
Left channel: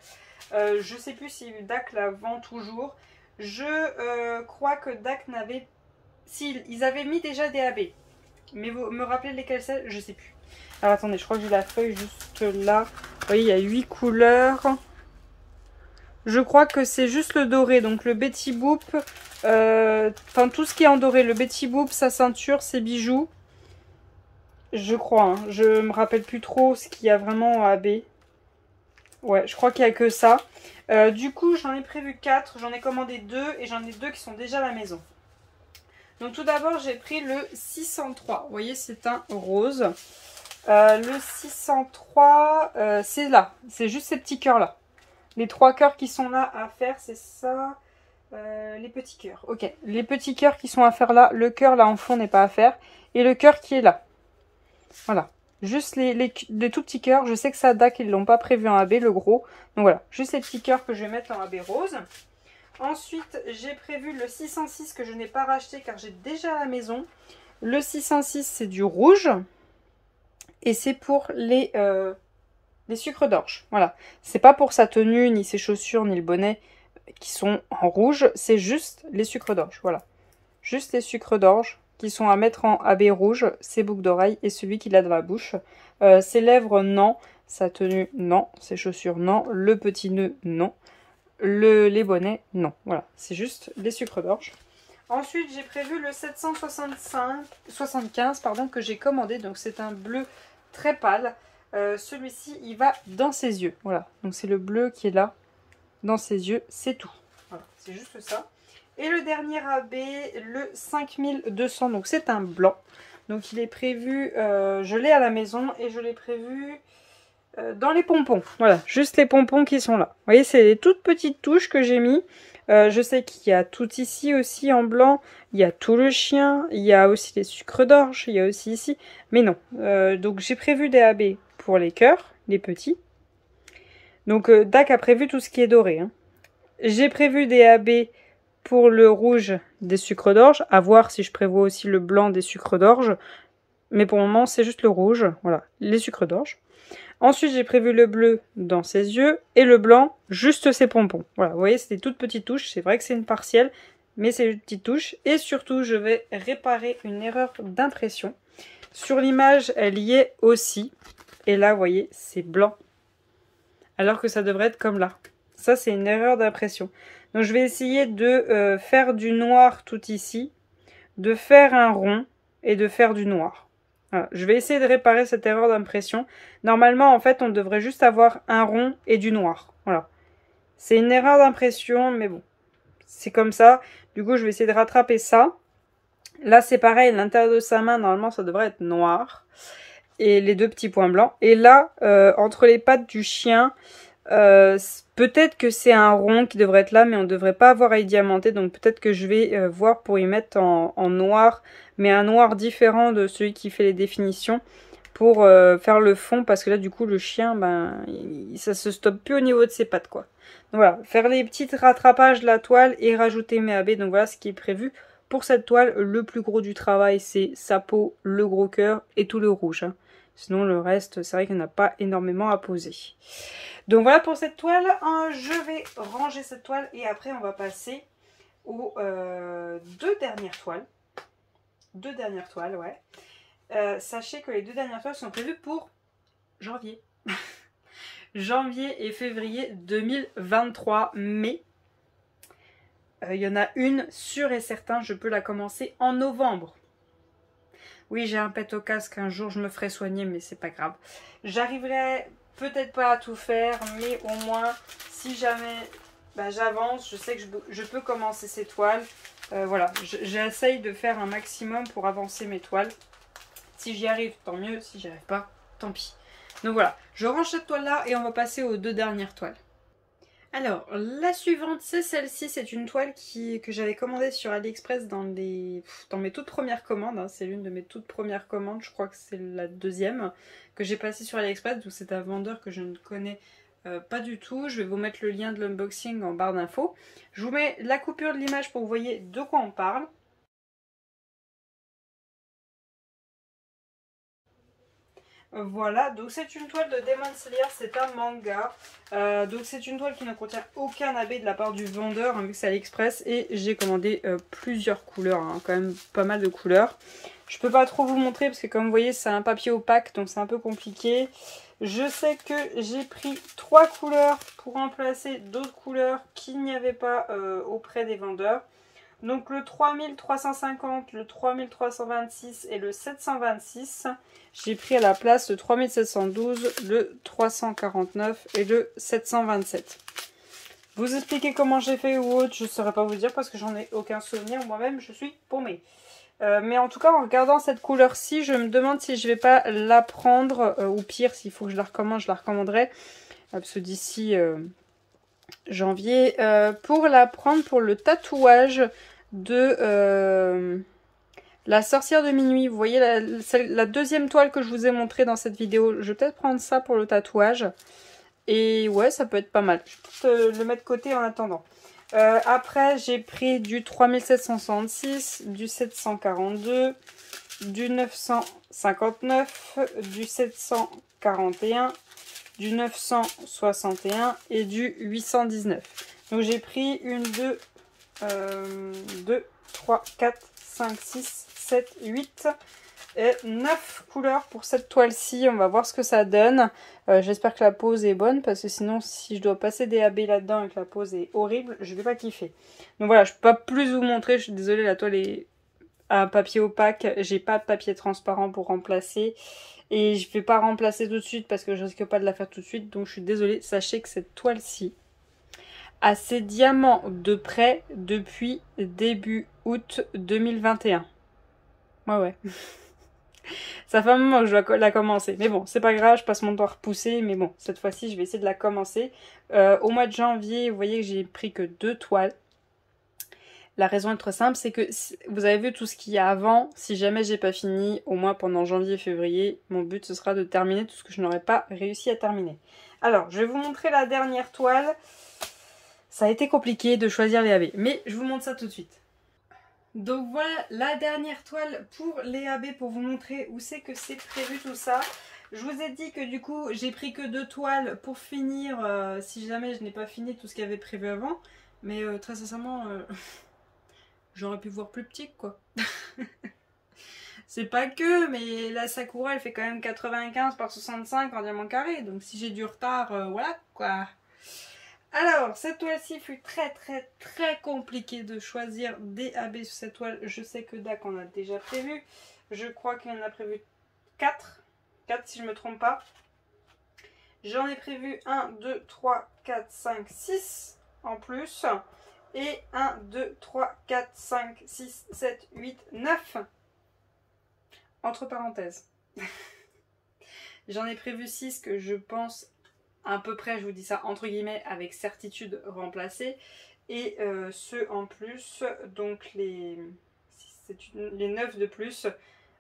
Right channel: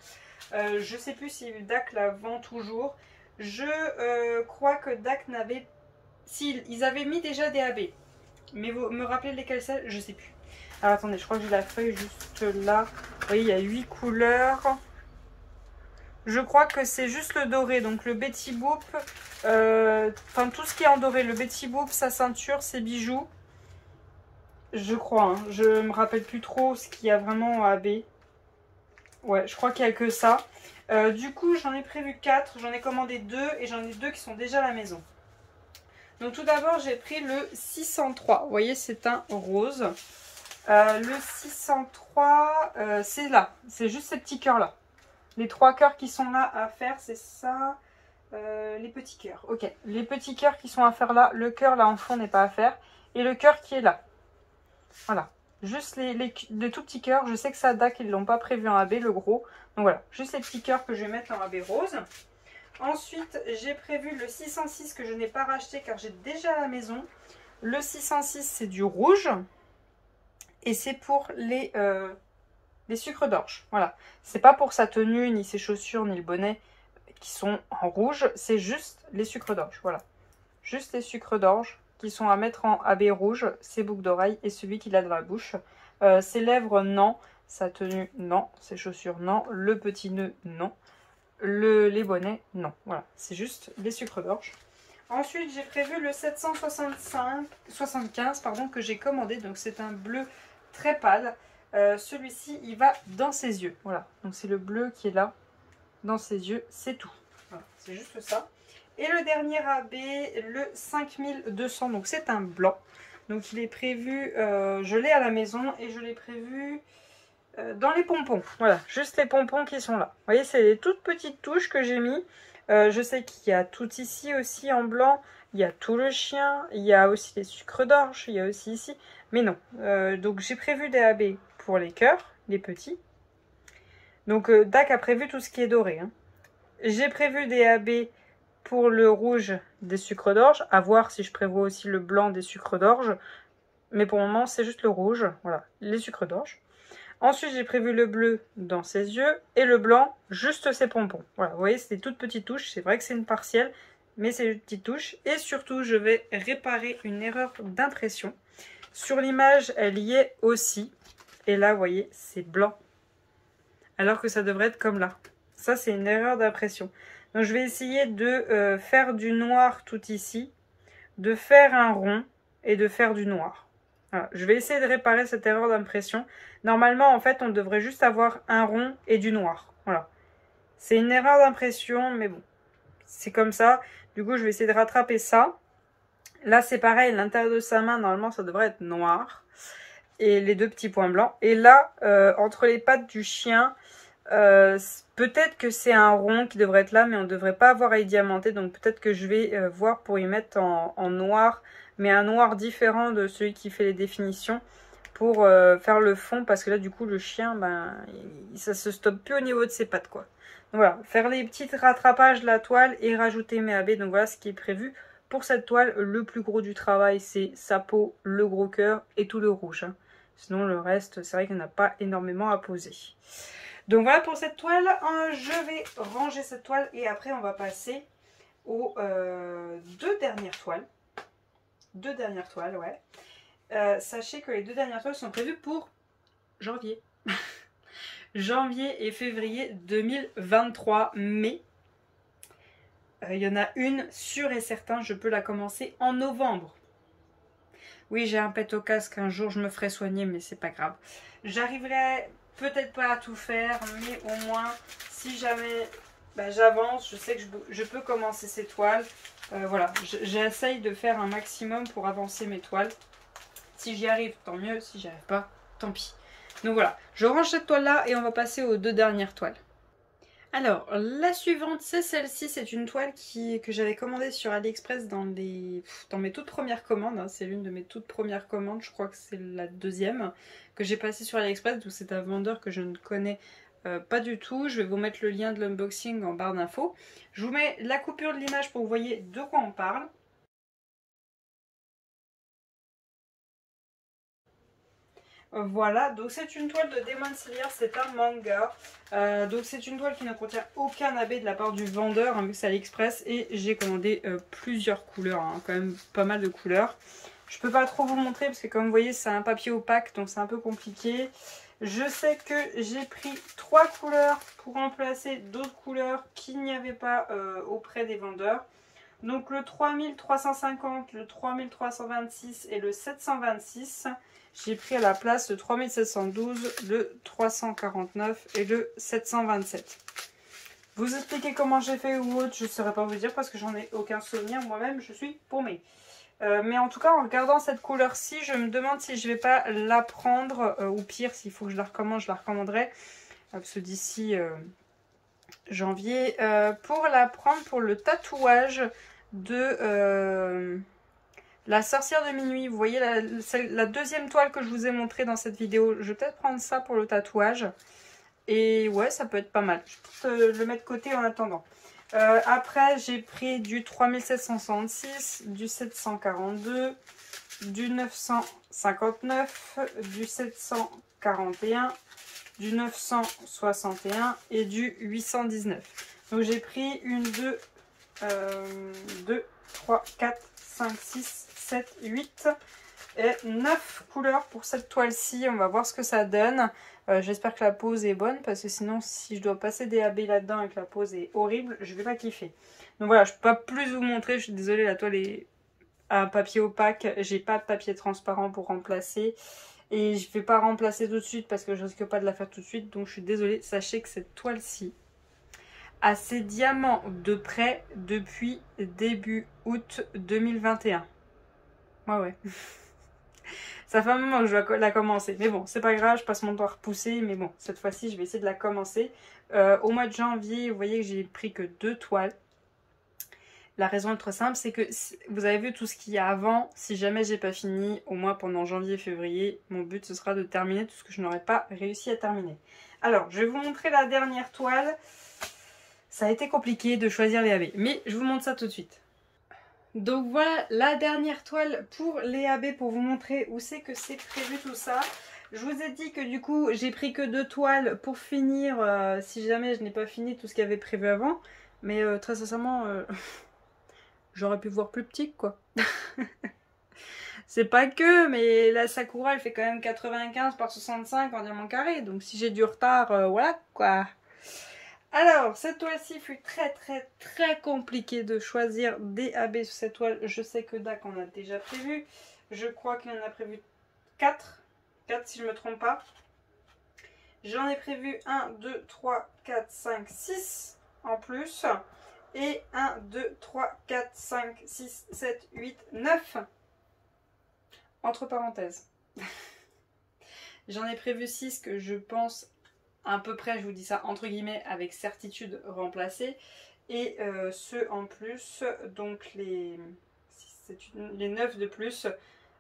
Je ne sais plus si Dak la vend toujours. Je crois que Dak n'avait... Si, ils avaient mis déjà des AB. Mais vous me rappelez lesquels c'est? Je ne sais plus. Alors attendez, je crois que j'ai la feuille juste là. Vous voyez, il y a 8 couleurs. Je crois que c'est juste le doré. Donc le Betty Boop, enfin tout ce qui est en doré. Le Betty Boop, sa ceinture, ses bijoux. Je crois, hein. Je me rappelle plus trop ce qu'il y a vraiment en AB. Ouais, je crois qu'il n'y a que ça. Du coup, j'en ai prévu 4. J'en ai commandé 2 et j'en ai 2 qui sont déjà à la maison. Donc tout d'abord, j'ai pris le 603. Vous voyez, c'est un rose. Le 603, c'est là. C'est juste ces petits cœurs là. Les 3 cœurs qui sont là à faire, c'est ça. Les petits cœurs. Ok. Les petits cœurs qui sont à faire là. Le cœur là en fond n'est pas à faire. Et le cœur qui est là. Voilà. Juste les tout petits cœurs. Je sais que ça Dak, ils ne l'ont pas prévu en AB, le gros. Donc voilà. Juste les petits cœurs que je vais mettre en AB rose. Ensuite, j'ai prévu le 606 que je n'ai pas racheté car j'ai déjà à la maison. Le 606, c'est du rouge. Et c'est pour les les sucres d'orge. Voilà, c'est pas pour sa tenue, ni ses chaussures, ni le bonnet qui sont en rouge, c'est juste les sucres d'orge. Voilà, juste les sucres d'orge qui sont à mettre en AB rouge, ses boucles d'oreilles et celui qu'il a dans la bouche. Ses lèvres, non. Sa tenue, non. Ses chaussures, non. Le petit nœud, non. Les bonnets, non. Voilà, c'est juste les sucres d'orge. Ensuite, j'ai prévu le 775 pardon, que j'ai commandé. Donc, c'est un bleu très pâle. Celui-ci, il va dans ses yeux. Voilà, donc c'est le bleu qui est là, dans ses yeux. C'est tout. Voilà, c'est juste ça. Et le dernier AB, le 5200. Donc, c'est un blanc. Donc, il est prévu, je l'ai à la maison et je l'ai prévu dans les pompons. Voilà, juste les pompons qui sont là. Vous voyez, c'est les toutes petites touches que j'ai mis. Je sais qu'il y a tout ici aussi en blanc. Il y a tout le chien. Il y a aussi les sucres d'orge. Il y a aussi ici. Mais non. Donc j'ai prévu des AB pour les cœurs, les petits. Donc Dac a prévu tout ce qui est doré. Hein. J'ai prévu des AB pour le rouge des sucres d'orge. À voir si je prévois aussi le blanc des sucres d'orge. Mais pour le moment, c'est juste le rouge. Voilà, les sucres d'orge. Ensuite, j'ai prévu le bleu dans ses yeux et le blanc, juste ses pompons. Voilà, vous voyez, c'est des toutes petites touches. C'est vrai que c'est une partielle, mais c'est une petite touche. Et surtout, je vais réparer une erreur d'impression. Sur l'image, elle y est aussi. Et là, vous voyez, c'est blanc. Alors que ça devrait être comme là. Ça, c'est une erreur d'impression. Donc, je vais essayer de faire du noir tout ici, de faire un rond et de faire du noir. Voilà, je vais essayer de réparer cette erreur d'impression. Normalement, en fait, on devrait juste avoir un rond et du noir. Voilà. C'est une erreur d'impression, mais bon. C'est comme ça. Du coup, je vais essayer de rattraper ça. Là, c'est pareil. L'intérieur de sa main, normalement, ça devrait être noir. Et les deux petits points blancs. Et là, entre les pattes du chien, peut-être que c'est un rond qui devrait être là, mais on ne devrait pas avoir à y diamanter. Donc, peut-être que je vais voir pour y mettre en noir, mais un noir différent de celui qui fait les définitions pour faire le fond, parce que là du coup le chien, ben, ça se stoppe plus au niveau de ses pattes quoi. Donc voilà, faire les petits rattrapages de la toile et rajouter mes AB, donc voilà ce qui est prévu pour cette toile. Le plus gros du travail c'est sa peau, le gros cœur et tout le rouge, hein. Sinon le reste c'est vrai qu'il n'y en a pas énormément à poser. Donc voilà pour cette toile, je vais ranger cette toile et après on va passer aux deux dernières toiles. Deux dernières toiles, ouais. Sachez que les deux dernières toiles sont prévues pour janvier. Janvier et février 2023. Mais il y en a une sûre et certain, je peux la commencer en novembre. Oui, j'ai un pet au casque, un jour je me ferai soigner, mais c'est pas grave. J'arriverai peut-être pas à tout faire, mais au moins, si jamais j'avance, je sais que je peux commencer ces toiles. Voilà, j'essaye de faire un maximum pour avancer mes toiles. Si j'y arrive, tant mieux. Si j'y arrive pas, tant pis. Donc voilà, je range cette toile-là et on va passer aux deux dernières toiles. Alors, la suivante, c'est celle-ci. C'est une toile que j'avais commandée sur AliExpress dans mes toutes premières commandes. Hein. C'est l'une de mes toutes premières commandes. Je crois que c'est la deuxième que j'ai passée sur AliExpress. Donc c'est un vendeur que je ne connais pas du tout. Je vais vous mettre le lien de l'unboxing en barre d'infos. Je vous mets la coupure de l'image pour que vous voyez de quoi on parle. Voilà, donc c'est une toile de Demon Slayer, c'est un manga. Donc c'est une toile qui ne contient aucun AB de la part du vendeur, hein, vu que c'est AliExpress. Et j'ai commandé plusieurs couleurs, hein, quand même pas mal de couleurs. Je peux pas trop vous montrer parce que comme vous voyez c'est un papier opaque, donc c'est un peu compliqué. Je sais que j'ai pris 3 couleurs pour remplacer d'autres couleurs qu'il n'y avait pas auprès des vendeurs. Donc le 3350, le 3326 et le 726. J'ai pris à la place le 3712, le 349 et le 727. Vous expliquer comment j'ai fait ou autre, je ne saurais pas vous dire parce que j'en ai aucun souvenir. Moi-même, je suis paumée. Mais en tout cas, en regardant cette couleur-ci, je me demande si je ne vais pas la prendre. Ou pire, s'il faut que je la recommande, je la recommanderai. Parce que d'ici janvier, pour la prendre pour le tatouage de la sorcière de minuit. Vous voyez la deuxième toile que je vous ai montrée dans cette vidéo. Je vais peut-être prendre ça pour le tatouage. Et ouais, ça peut être pas mal. Je vais peut-être le mettre de côté en attendant. Après, j'ai pris du 3766, du 742, du 959, du 741, du 961 et du 819. Donc j'ai pris 2, 3, 4, 5, 6, 7, 8 et 9 couleurs pour cette toile-ci. On va voir ce que ça donne. J'espère que la pose est bonne parce que sinon si je dois passer des AB là-dedans et que la pose est horrible, je vais pas kiffer. Donc voilà, je peux pas plus vous montrer. Je suis désolée, la toile est à papier opaque. J'ai pas de papier transparent pour remplacer. Et je vais pas remplacer tout de suite parce que je risque pas de la faire tout de suite. Donc je suis désolée. Sachez que cette toile-ci a ses diamants de prêt depuis début août 2021. Ouais. Ça fait un moment que je dois la commencer. Mais bon, c'est pas grave, je passe mon temps à repousser. Mais bon, cette fois-ci, je vais essayer de la commencer. Au mois de janvier, vous voyez que j'ai pris que 2 toiles. La raison est très simple, c'est que vous avez vu tout ce qu'il y a avant. Si jamais j'ai pas fini, au moins pendant janvier et février, mon but ce sera de terminer tout ce que je n'aurais pas réussi à terminer. Alors, je vais vous montrer la dernière toile. Ça a été compliqué de choisir les AB, mais je vous montre ça tout de suite. Donc voilà la dernière toile pour les AB pour vous montrer où c'est que c'est prévu tout ça. Je vous ai dit que du coup j'ai pris que 2 toiles pour finir si jamais je n'ai pas fini tout ce qu'il y avait prévu avant. Mais très sincèrement, j'aurais pu voir plus petit quoi. C'est pas que, mais la Sakura elle fait quand même 95 par 65 en diamant carré. Donc si j'ai du retard, voilà quoi. Alors, cette toile-ci fut très compliqué de choisir des AB sur cette toile. Je sais que Dak en a déjà prévu. Je crois qu'il en a prévu 4. 4 si je ne me trompe pas. J'en ai prévu 1, 2, 3, 4, 5, 6 en plus. Et 1, 2, 3, 4, 5, 6, 7, 8, 9. Entre parenthèses. J'en ai prévu 6 que je pense à peu près, je vous dis ça entre guillemets, avec certitude remplacés. Et ceux en plus, donc les 9 de plus,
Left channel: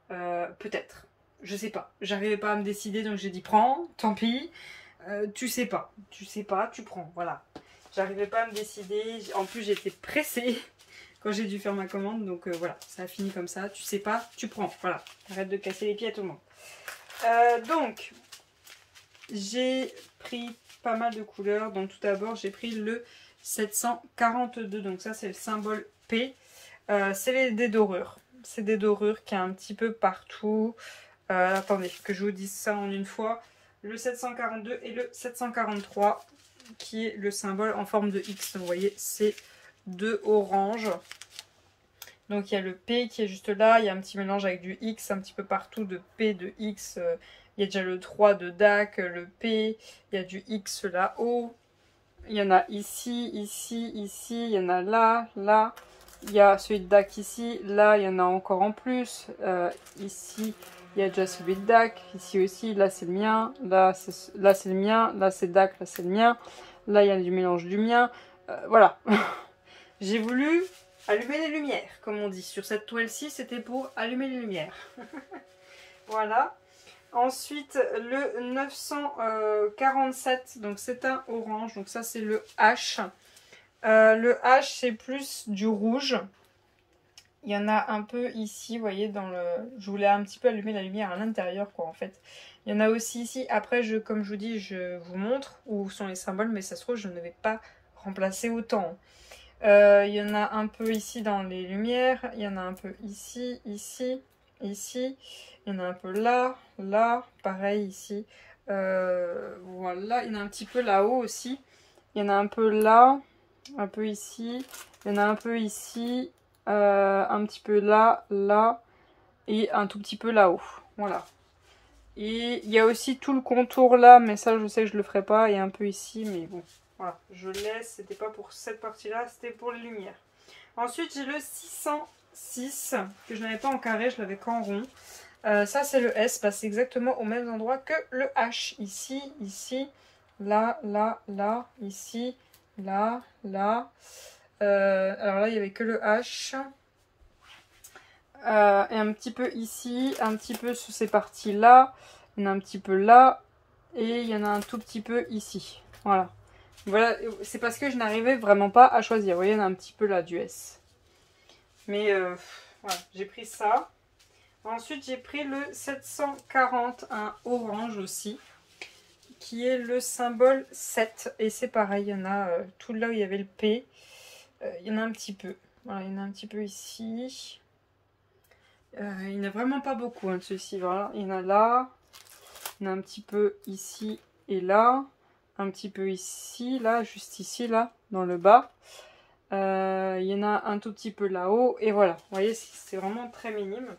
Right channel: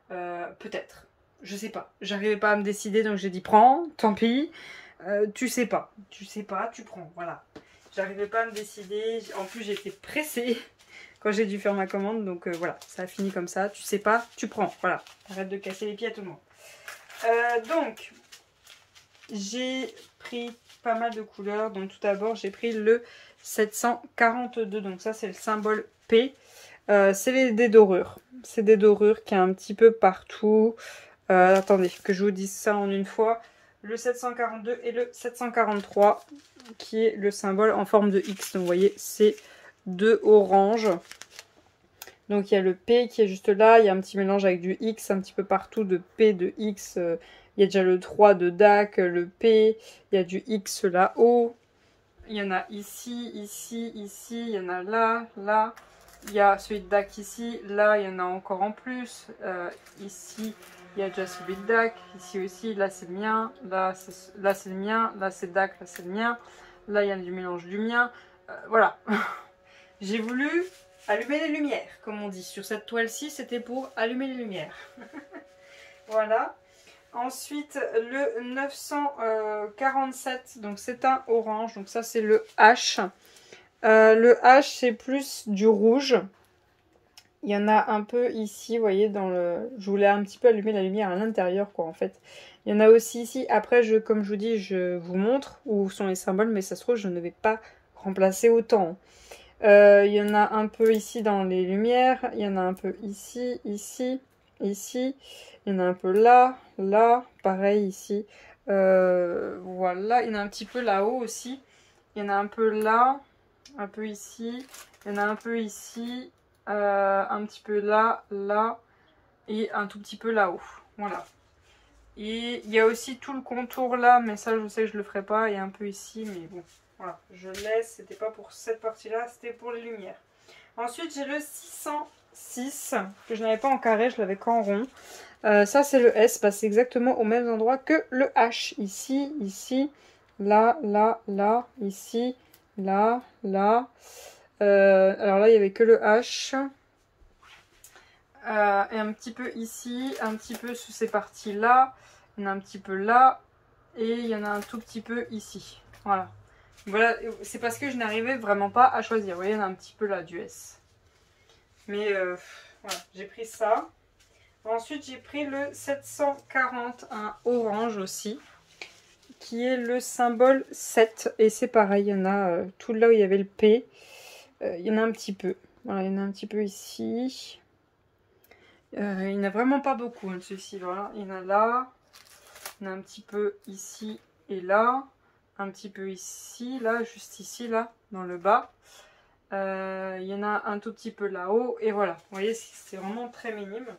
peut-être. Je sais pas. J'arrivais pas à me décider, donc j'ai dit prends, tant pis. Tu sais pas, tu prends, voilà. J'arrivais pas à me décider. En plus, j'étais pressée quand j'ai dû faire ma commande, donc voilà, ça a fini comme ça. Tu sais pas, tu prends, voilà. Arrête de casser les pieds à tout le monde. Donc, j'ai pris pas mal de couleurs. Donc tout d'abord j'ai pris le 742. Donc ça c'est le symbole P. C'est des dorures. C'est des dorures qui est un petit peu partout. Attendez que je vous dise ça en une fois. Le 742 et le 743 qui est le symbole en forme de X. Donc vous voyez c'est deux oranges. Donc il y a le P qui est juste là. Il y a un petit mélange avec du X un petit peu partout de P, de X. Il y a déjà le 3 de Dak, le P, il y a du X là-haut, il y en a ici, ici, ici, il y en a là, là, il y a celui de Dak ici, là il y en a encore en plus, ici il y a déjà celui de Dak, ici aussi, là c'est le mien, là c'est le mien, là c'est Dak, là c'est le mien, là il y a du mélange du mien, voilà. J'ai voulu allumer les lumières, comme on dit, sur cette toile-ci c'était pour allumer les lumières. Voilà. Ensuite, le 947, donc c'est un orange, donc ça c'est le H. Le H, c'est plus du rouge. Il y en a un peu ici, vous voyez, dans le... Je voulais un petit peu allumer la lumière à l'intérieur, quoi, en fait. Il y en a aussi ici. Après, comme je vous dis, je vous montre où sont les symboles, mais ça se trouve, je ne vais pas remplacer autant. Il y en a un peu ici dans les lumières. Il y en a un peu ici, ici, ici. Il y en a un peu là, là, pareil ici. Voilà, il y en a un petit peu là-haut aussi. Il y en a un peu là, un peu ici. Il y en a un peu ici, un petit peu là, là. Et un tout petit peu là-haut. Voilà. Et il y a aussi tout le contour là, mais ça je sais que je le ferai pas. Et un peu ici, mais bon. Voilà, je laisse. C'était pas pour cette partie-là, c'était pour les lumières. Ensuite, j'ai le 606, que je n'avais pas en carré, je l'avais qu'en rond. Ça c'est le S, c'est exactement au même endroit que le H. Ici, ici, là, là, là, ici, là, là. Alors là il n'y avait que le H. Et un petit peu ici, un petit peu sous ces parties là. Il y en a un petit peu là. Et il y en a un tout petit peu ici. Voilà. Voilà, c'est parce que je n'arrivais vraiment pas à choisir. Vous voyez, il y en a un petit peu là du S. Mais voilà, j'ai pris ça. Ensuite, j'ai pris le 740, un orange aussi, qui est le symbole 7. Et c'est pareil, il y en a tout là où il y avait le P. Il y en a un petit peu. Voilà, il y en a un petit peu ici. Il n'y en a vraiment pas beaucoup de ceux-ci. Voilà. Il y en a là. Il y en a un petit peu ici et là. Un petit peu ici, là, juste ici, là, dans le bas. Il y en a un tout petit peu là-haut. Et voilà, vous voyez, c'est vraiment très minime.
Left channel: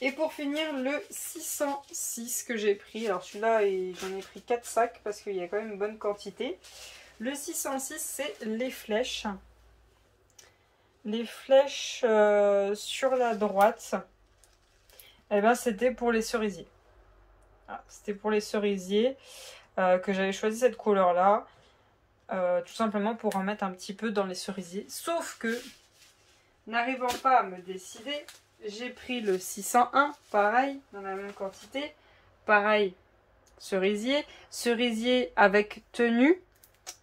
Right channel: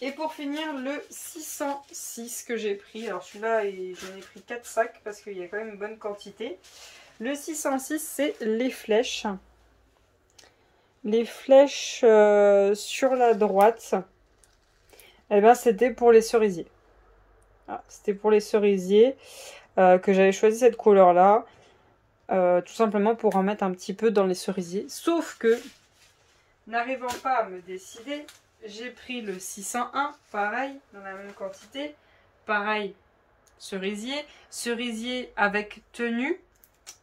Et pour finir, le 606 que j'ai pris. Alors celui-là, j'en ai pris 4 sacs parce qu'il y a quand même une bonne quantité. Le 606, c'est les flèches. Les flèches sur la droite, eh ben, c'était pour les cerisiers. Ah, c'était pour les cerisiers que j'avais choisi cette couleur-là. Tout simplement pour en mettre un petit peu dans les cerisiers. Sauf que, n'arrivant pas à me décider, j'ai pris le 601, pareil, dans la même quantité. Pareil, cerisier. Cerisier avec tenue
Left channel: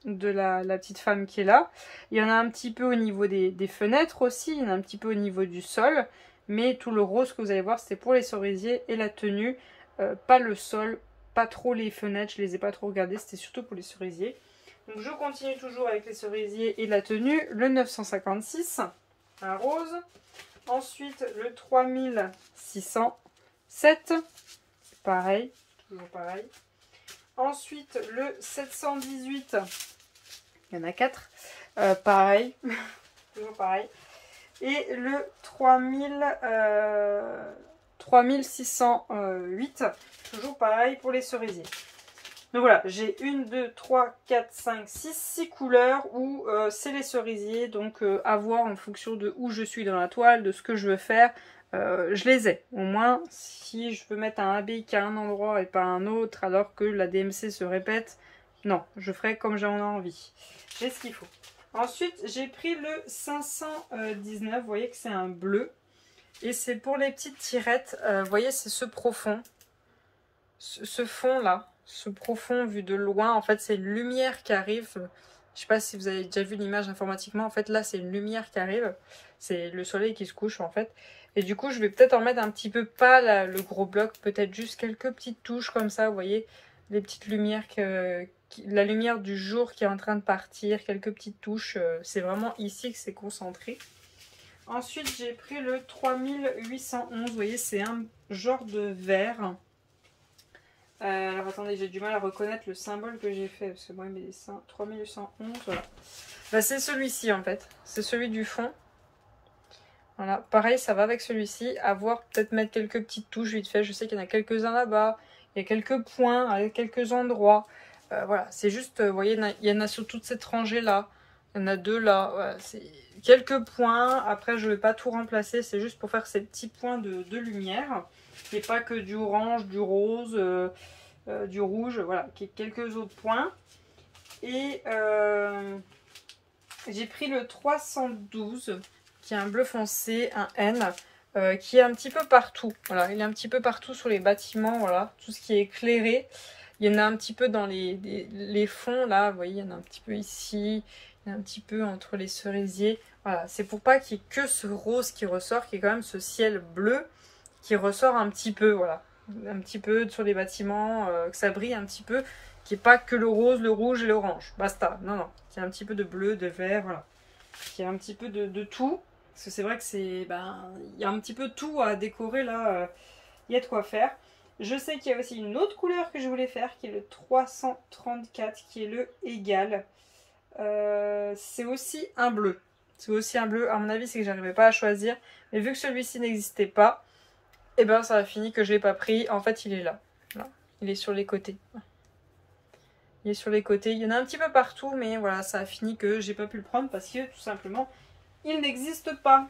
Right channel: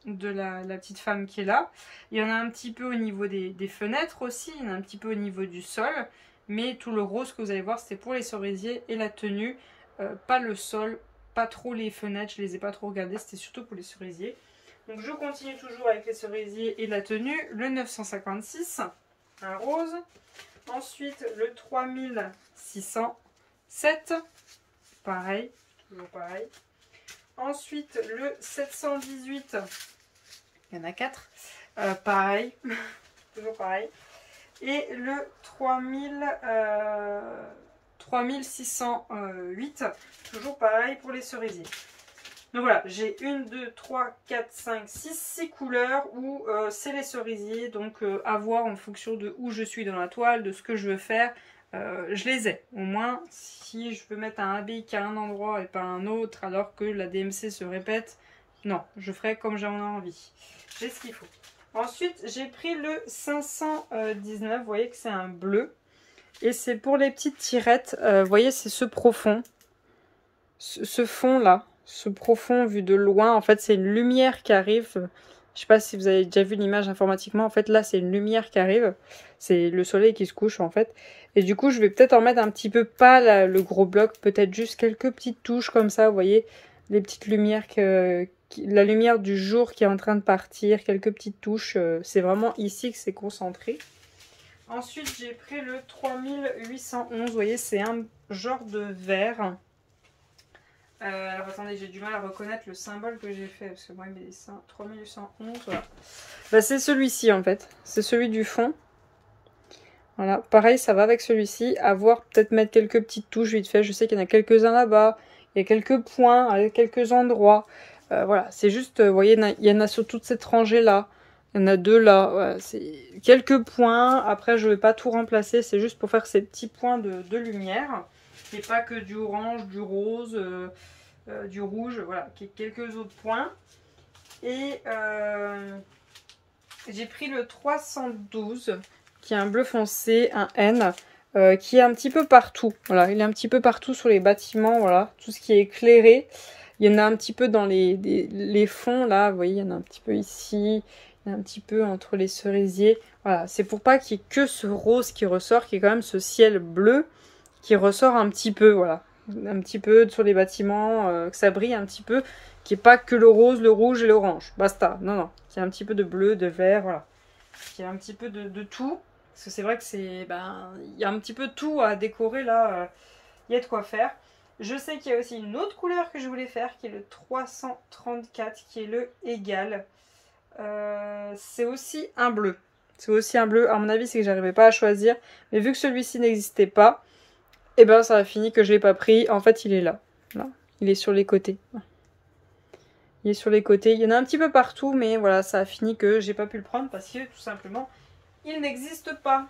de la petite femme qui est là. Il y en a un petit peu au niveau des fenêtres aussi. Il y en a un petit peu au niveau du sol. Mais tout le rose que vous allez voir, c'est pour les cerisiers et la tenue. Pas le sol, pas trop les fenêtres. Je les ai pas trop regardées. C'était surtout pour les cerisiers. Donc je continue toujours avec les cerisiers et la tenue. Le 956, un rose. Ensuite, le 3607, pareil, toujours pareil. Ensuite, le 718, il y en a 4, pareil, toujours pareil. Et le 3608, toujours pareil pour les cerisiers. Donc voilà, j'ai 1, 2, 3, 4, 5, 6 couleurs où c'est les cerisiers. Donc à voir en fonction de où je suis dans la toile, de ce que je veux faire. Je les ai. Au moins, si je veux mettre un habit qu'à un endroit et pas à un autre, alors que la DMC se répète, non, je ferai comme j'en ai envie. J'ai ce qu'il faut. Ensuite, j'ai pris le 519. Vous voyez que c'est un bleu. Et c'est pour les petites tirettes. Vous voyez, c'est ce profond. Ce fond-là. Ce profond vu de loin, en fait c'est une lumière qui arrive. Je sais pas si vous avez déjà vu l'image informatiquement. En fait là c'est une lumière qui arrive. C'est le soleil qui se couche en fait. Et du coup je vais peut-être en mettre un petit peu, pas le gros bloc, peut-être juste quelques petites touches comme ça. Vous voyez les petites lumières, la lumière du jour qui est en train de partir. Quelques petites touches. C'est vraiment ici que c'est concentré. Ensuite j'ai pris le 3811. Vous voyez c'est un genre de vert. Alors attendez, j'ai du mal à reconnaître le symbole que j'ai fait, parce que moi il met des 3811, voilà. Bah, c'est celui-ci en fait, c'est celui du fond. Voilà, pareil ça va avec celui-ci, à voir peut-être mettre quelques petites touches vite fait, je sais qu'il y en a quelques-uns là-bas, il y a quelques points à quelques endroits. Voilà, c'est juste, vous voyez, il y en a sur toute cette rangée là, il y en a 2 là, voilà, c'est quelques points, après je ne vais pas tout remplacer, c'est juste pour faire ces petits points de lumière. Qui n'est pas que du orange, du rose, du rouge, voilà, qui est quelques autres points. Et j'ai pris le 312, qui est un bleu foncé, un N, qui est un petit peu partout. Voilà, il est un petit peu partout sur les bâtiments, voilà, tout ce qui est éclairé. Il y en a un petit peu dans les fonds, là, vous voyez, il y en a un petit peu ici, il y en a un petit peu entre les cerisiers. Voilà, c'est pour pas qu'il y ait que ce rose qui ressort, qui est quand même ce ciel bleu qui ressort un petit peu, voilà, un petit peu sur les bâtiments, que ça brille un petit peu, qui n'est pas que le rose, le rouge et l'orange, basta, non, non, il y a un petit peu de bleu, de vert, voilà, il y a un petit peu de tout, parce que c'est vrai que c'est, il y a un petit peu tout à décorer là, il y a de quoi faire. Je sais qu'il y a aussi une autre couleur que je voulais faire, qui est le 334, qui est le égal, c'est aussi un bleu. C'est aussi un bleu, à mon avis c'est que j'arrivais pas à choisir, mais vu que celui-ci n'existait pas, et ben ça a fini que je l'ai pas pris. En fait il est là. Là. Il est sur les côtés. Il est sur les côtés. Il y en a un petit peu partout, mais voilà, ça a fini que j'ai pas pu le prendre parce que tout simplement il n'existe pas.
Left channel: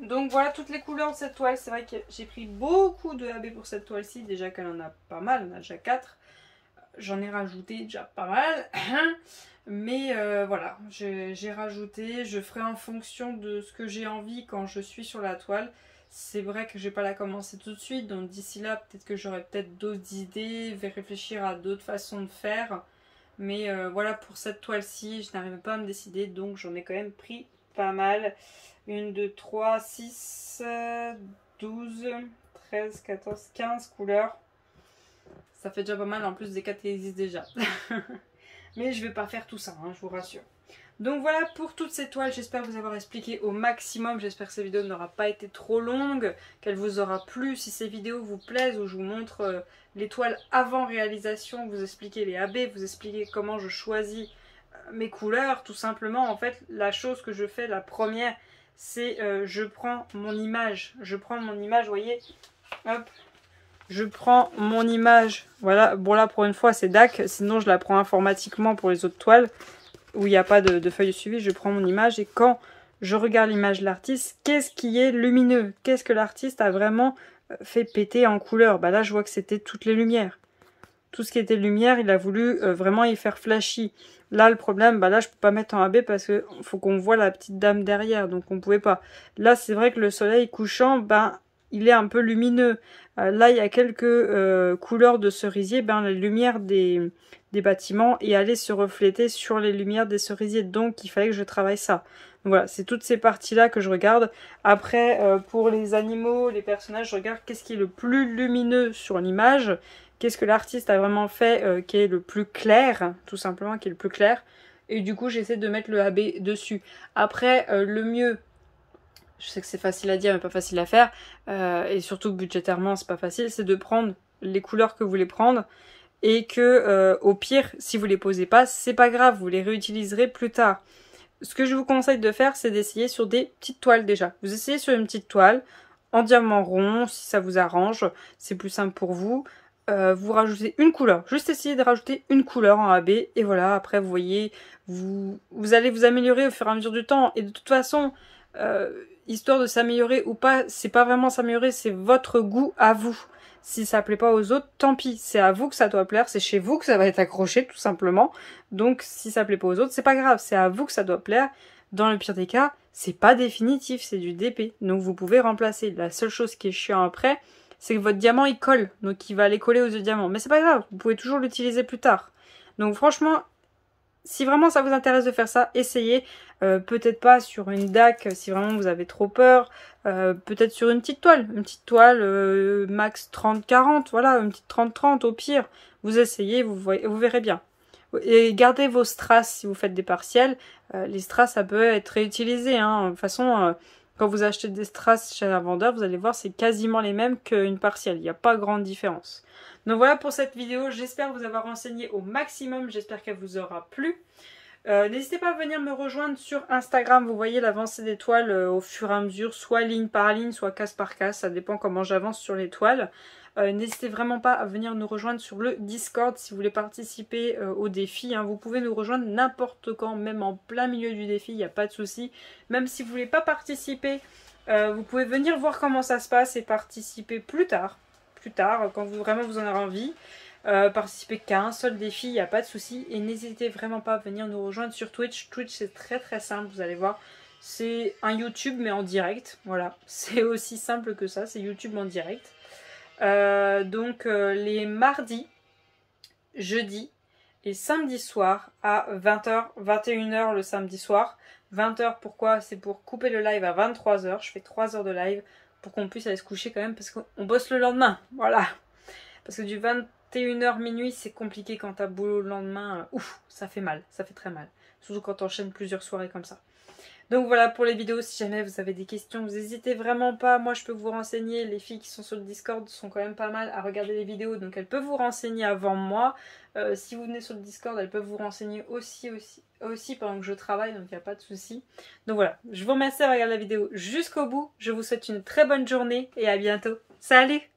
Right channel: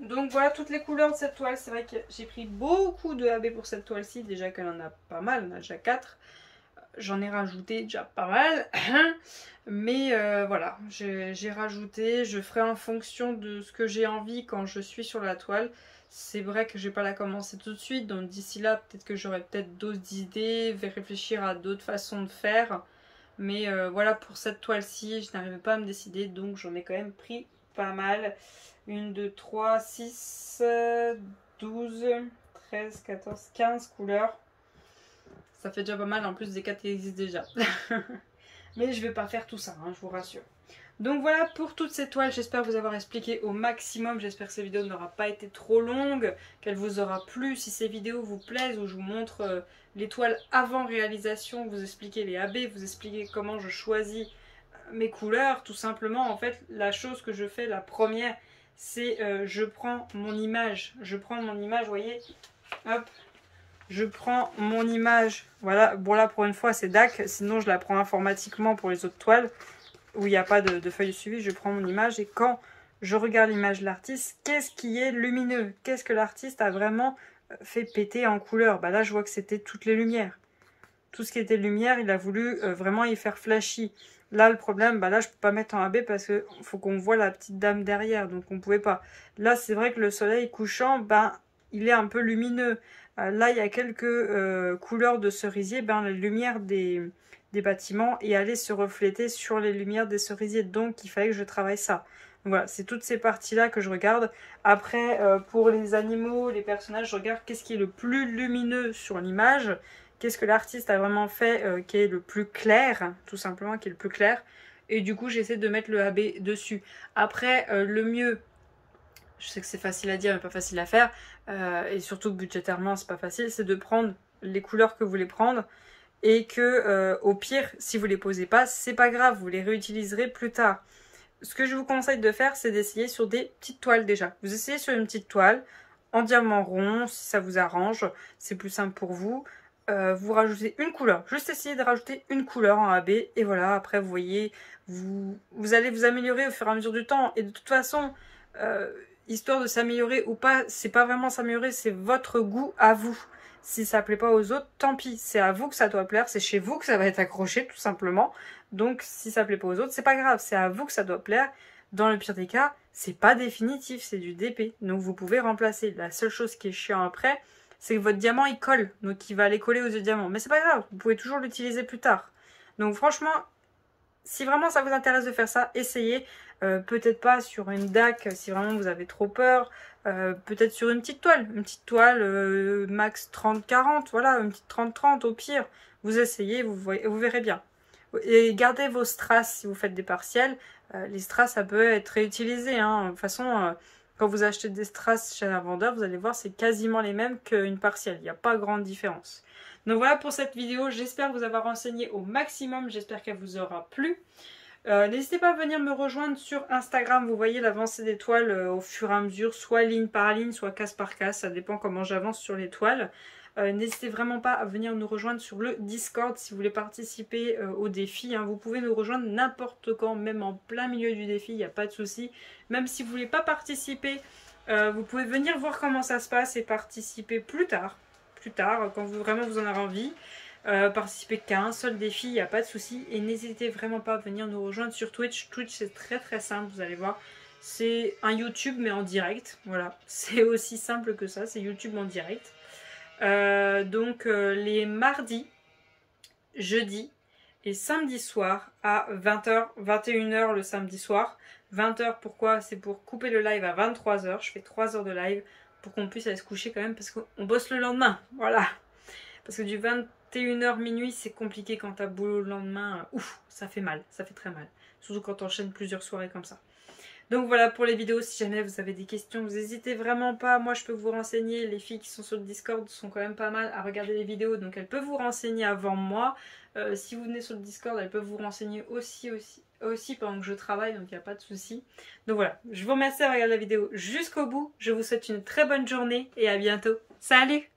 Donc voilà toutes les couleurs de cette toile. C'est vrai que j'ai pris beaucoup de AB pour cette toile-ci. Déjà qu'elle en a pas mal, on a déjà 4. J'en ai rajouté déjà pas mal. Mais voilà, j'ai rajouté. Je ferai en fonction de ce que j'ai envie quand je suis sur la toile. C'est vrai que je vais pas la commencer tout de suite. Donc d'ici là, peut-être que j'aurai peut-être d'autres idées. Je vais réfléchir à d'autres façons de faire. Mais voilà, pour cette toile-ci, je n'arrivais pas à me décider. Donc j'en ai quand même pris pas mal. 1, 2, 3, 6, 12, 13, 14, 15 couleurs. Ça fait déjà pas mal en plus des cas qui existent déjà. Mais je vais pas faire tout ça, hein, je vous rassure. Donc voilà pour toutes ces toiles, j'espère vous avoir expliqué au maximum, j'espère que cette vidéo n'aura pas été trop longue, qu'elle vous aura plu. Si ces vidéos vous plaisent, où je vous montre les toiles avant réalisation, vous expliquer les AB, vous expliquer comment je choisis mes couleurs, tout simplement. En fait, la chose que je fais, la première, c'est je prends mon image, vous voyez, hop, je prends mon image, voilà, bon là pour une fois c'est DAC, sinon je la prends informatiquement pour les autres toiles, où il n'y a pas de feuille de suivi. Je prends mon image et quand je regarde l'image de l'artiste, qu'est-ce qui est lumineux? Qu'est-ce que l'artiste a vraiment fait péter en couleur? Bah là, je vois que c'était toutes les lumières. Tout ce qui était lumière, il a voulu vraiment y faire flashy. Là, le problème, bah là, je peux pas mettre en AB parce qu'il faut qu'on voit la petite dame derrière, donc on pouvait pas. Là, c'est vrai que le soleil couchant, ben, il est un peu lumineux. Là, il y a quelques couleurs de cerisier, ben, la lumière des bâtiments et aller se refléter sur les lumières des cerisiers. Donc, il fallait que je travaille ça. Donc, voilà, c'est toutes ces parties-là que je regarde. Après, pour les animaux, les personnages, je regarde qu'est-ce qui est le plus lumineux sur l'image. Qu'est-ce que l'artiste a vraiment fait qui est le plus clair, tout simplement, qui est le plus clair. Et du coup, j'essaie de mettre le AB dessus. Après, le mieux, je sais que c'est facile à dire, mais pas facile à faire, et surtout budgétairement, c'est pas facile, c'est de prendre les couleurs que vous voulez prendre, et que, au pire, si vous les posez pas, c'est pas grave, vous les réutiliserez plus tard. Ce que je vous conseille de faire, c'est d'essayer sur des petites toiles déjà. Vous essayez sur une petite toile, en diamant rond, si ça vous arrange, c'est plus simple pour vous. Vous rajoutez une couleur, juste essayez de rajouter une couleur en AB, et voilà, après vous voyez, vous allez vous améliorer au fur et à mesure du temps, et de toute façon, histoire de s'améliorer ou pas, c'est pas vraiment s'améliorer, c'est votre goût à vous. Si ça plaît pas aux autres, tant pis, c'est à vous que ça doit plaire, c'est chez vous que ça va être accroché tout simplement. Donc si ça plaît pas aux autres, c'est pas grave, c'est à vous que ça doit plaire. Dans le pire des cas, c'est pas définitif, c'est du DP, donc vous pouvez remplacer. La seule chose qui est chiant après, c'est que votre diamant il colle, donc il va aller coller aux yeux diamants. Mais c'est pas grave, vous pouvez toujours l'utiliser plus tard. Donc franchement, si vraiment ça vous intéresse de faire ça, essayez. Peut-être pas sur une DAC si vraiment vous avez trop peur. Peut-être sur une petite toile max 30-40, voilà, une petite 30-30 au pire. Vous essayez, vous verrez bien. Et gardez vos strass si vous faites des partiels. Les strass, ça peut être réutilisé. Hein. De toute façon, quand vous achetez des strass chez un vendeur, vous allez voir, c'est quasiment les mêmes qu'une partielle. Il n'y a pas grande différence. Donc voilà pour cette vidéo. J'espère vous avoir renseigné au maximum. J'espère qu'elle vous aura plu. N'hésitez pas à venir me rejoindre sur Instagram. Vous voyez l'avancée des toiles au fur et à mesure, soit ligne par ligne, soit case par case. Ça dépend comment j'avance sur les toiles. N'hésitez vraiment pas à venir nous rejoindre sur le Discord si vous voulez participer au défi. Hein. Vous pouvez nous rejoindre n'importe quand, même en plein milieu du défi, il n'y a pas de souci. Même si vous ne voulez pas participer, vous pouvez venir voir comment ça se passe et participer plus tard, quand vraiment vous en avez envie. Participer qu'à un seul défi, il n'y a pas de souci. Et n'hésitez vraiment pas à venir nous rejoindre sur Twitch. Twitch, c'est très très simple, vous allez voir. C'est un YouTube mais en direct. Voilà, c'est aussi simple que ça, c'est YouTube en direct. Donc les mardis, jeudis et samedi soir à 20h, 21h le samedi soir. 20h pourquoi? C'est pour couper le live à 23h. Je fais 3 heures de live pour qu'on puisse aller se coucher quand même parce qu'on bosse le lendemain. Voilà. Parce que du 21h minuit c'est compliqué quand t'as boulot le lendemain. Ouf, ça fait mal, ça fait très mal. Surtout quand t'enchaînes plusieurs soirées comme ça. Donc voilà pour les vidéos, si jamais vous avez des questions, vous n'hésitez vraiment pas, moi je peux vous renseigner, les filles qui sont sur le Discord sont quand même pas mal à regarder les vidéos, donc elles peuvent vous renseigner avant moi. Si vous venez sur le Discord, elles peuvent vous renseigner aussi pendant que je travaille, donc il n'y a pas de souci. Donc voilà, je vous remercie d'avoir regardé la vidéo jusqu'au bout, je vous souhaite une très bonne journée et à bientôt. Salut!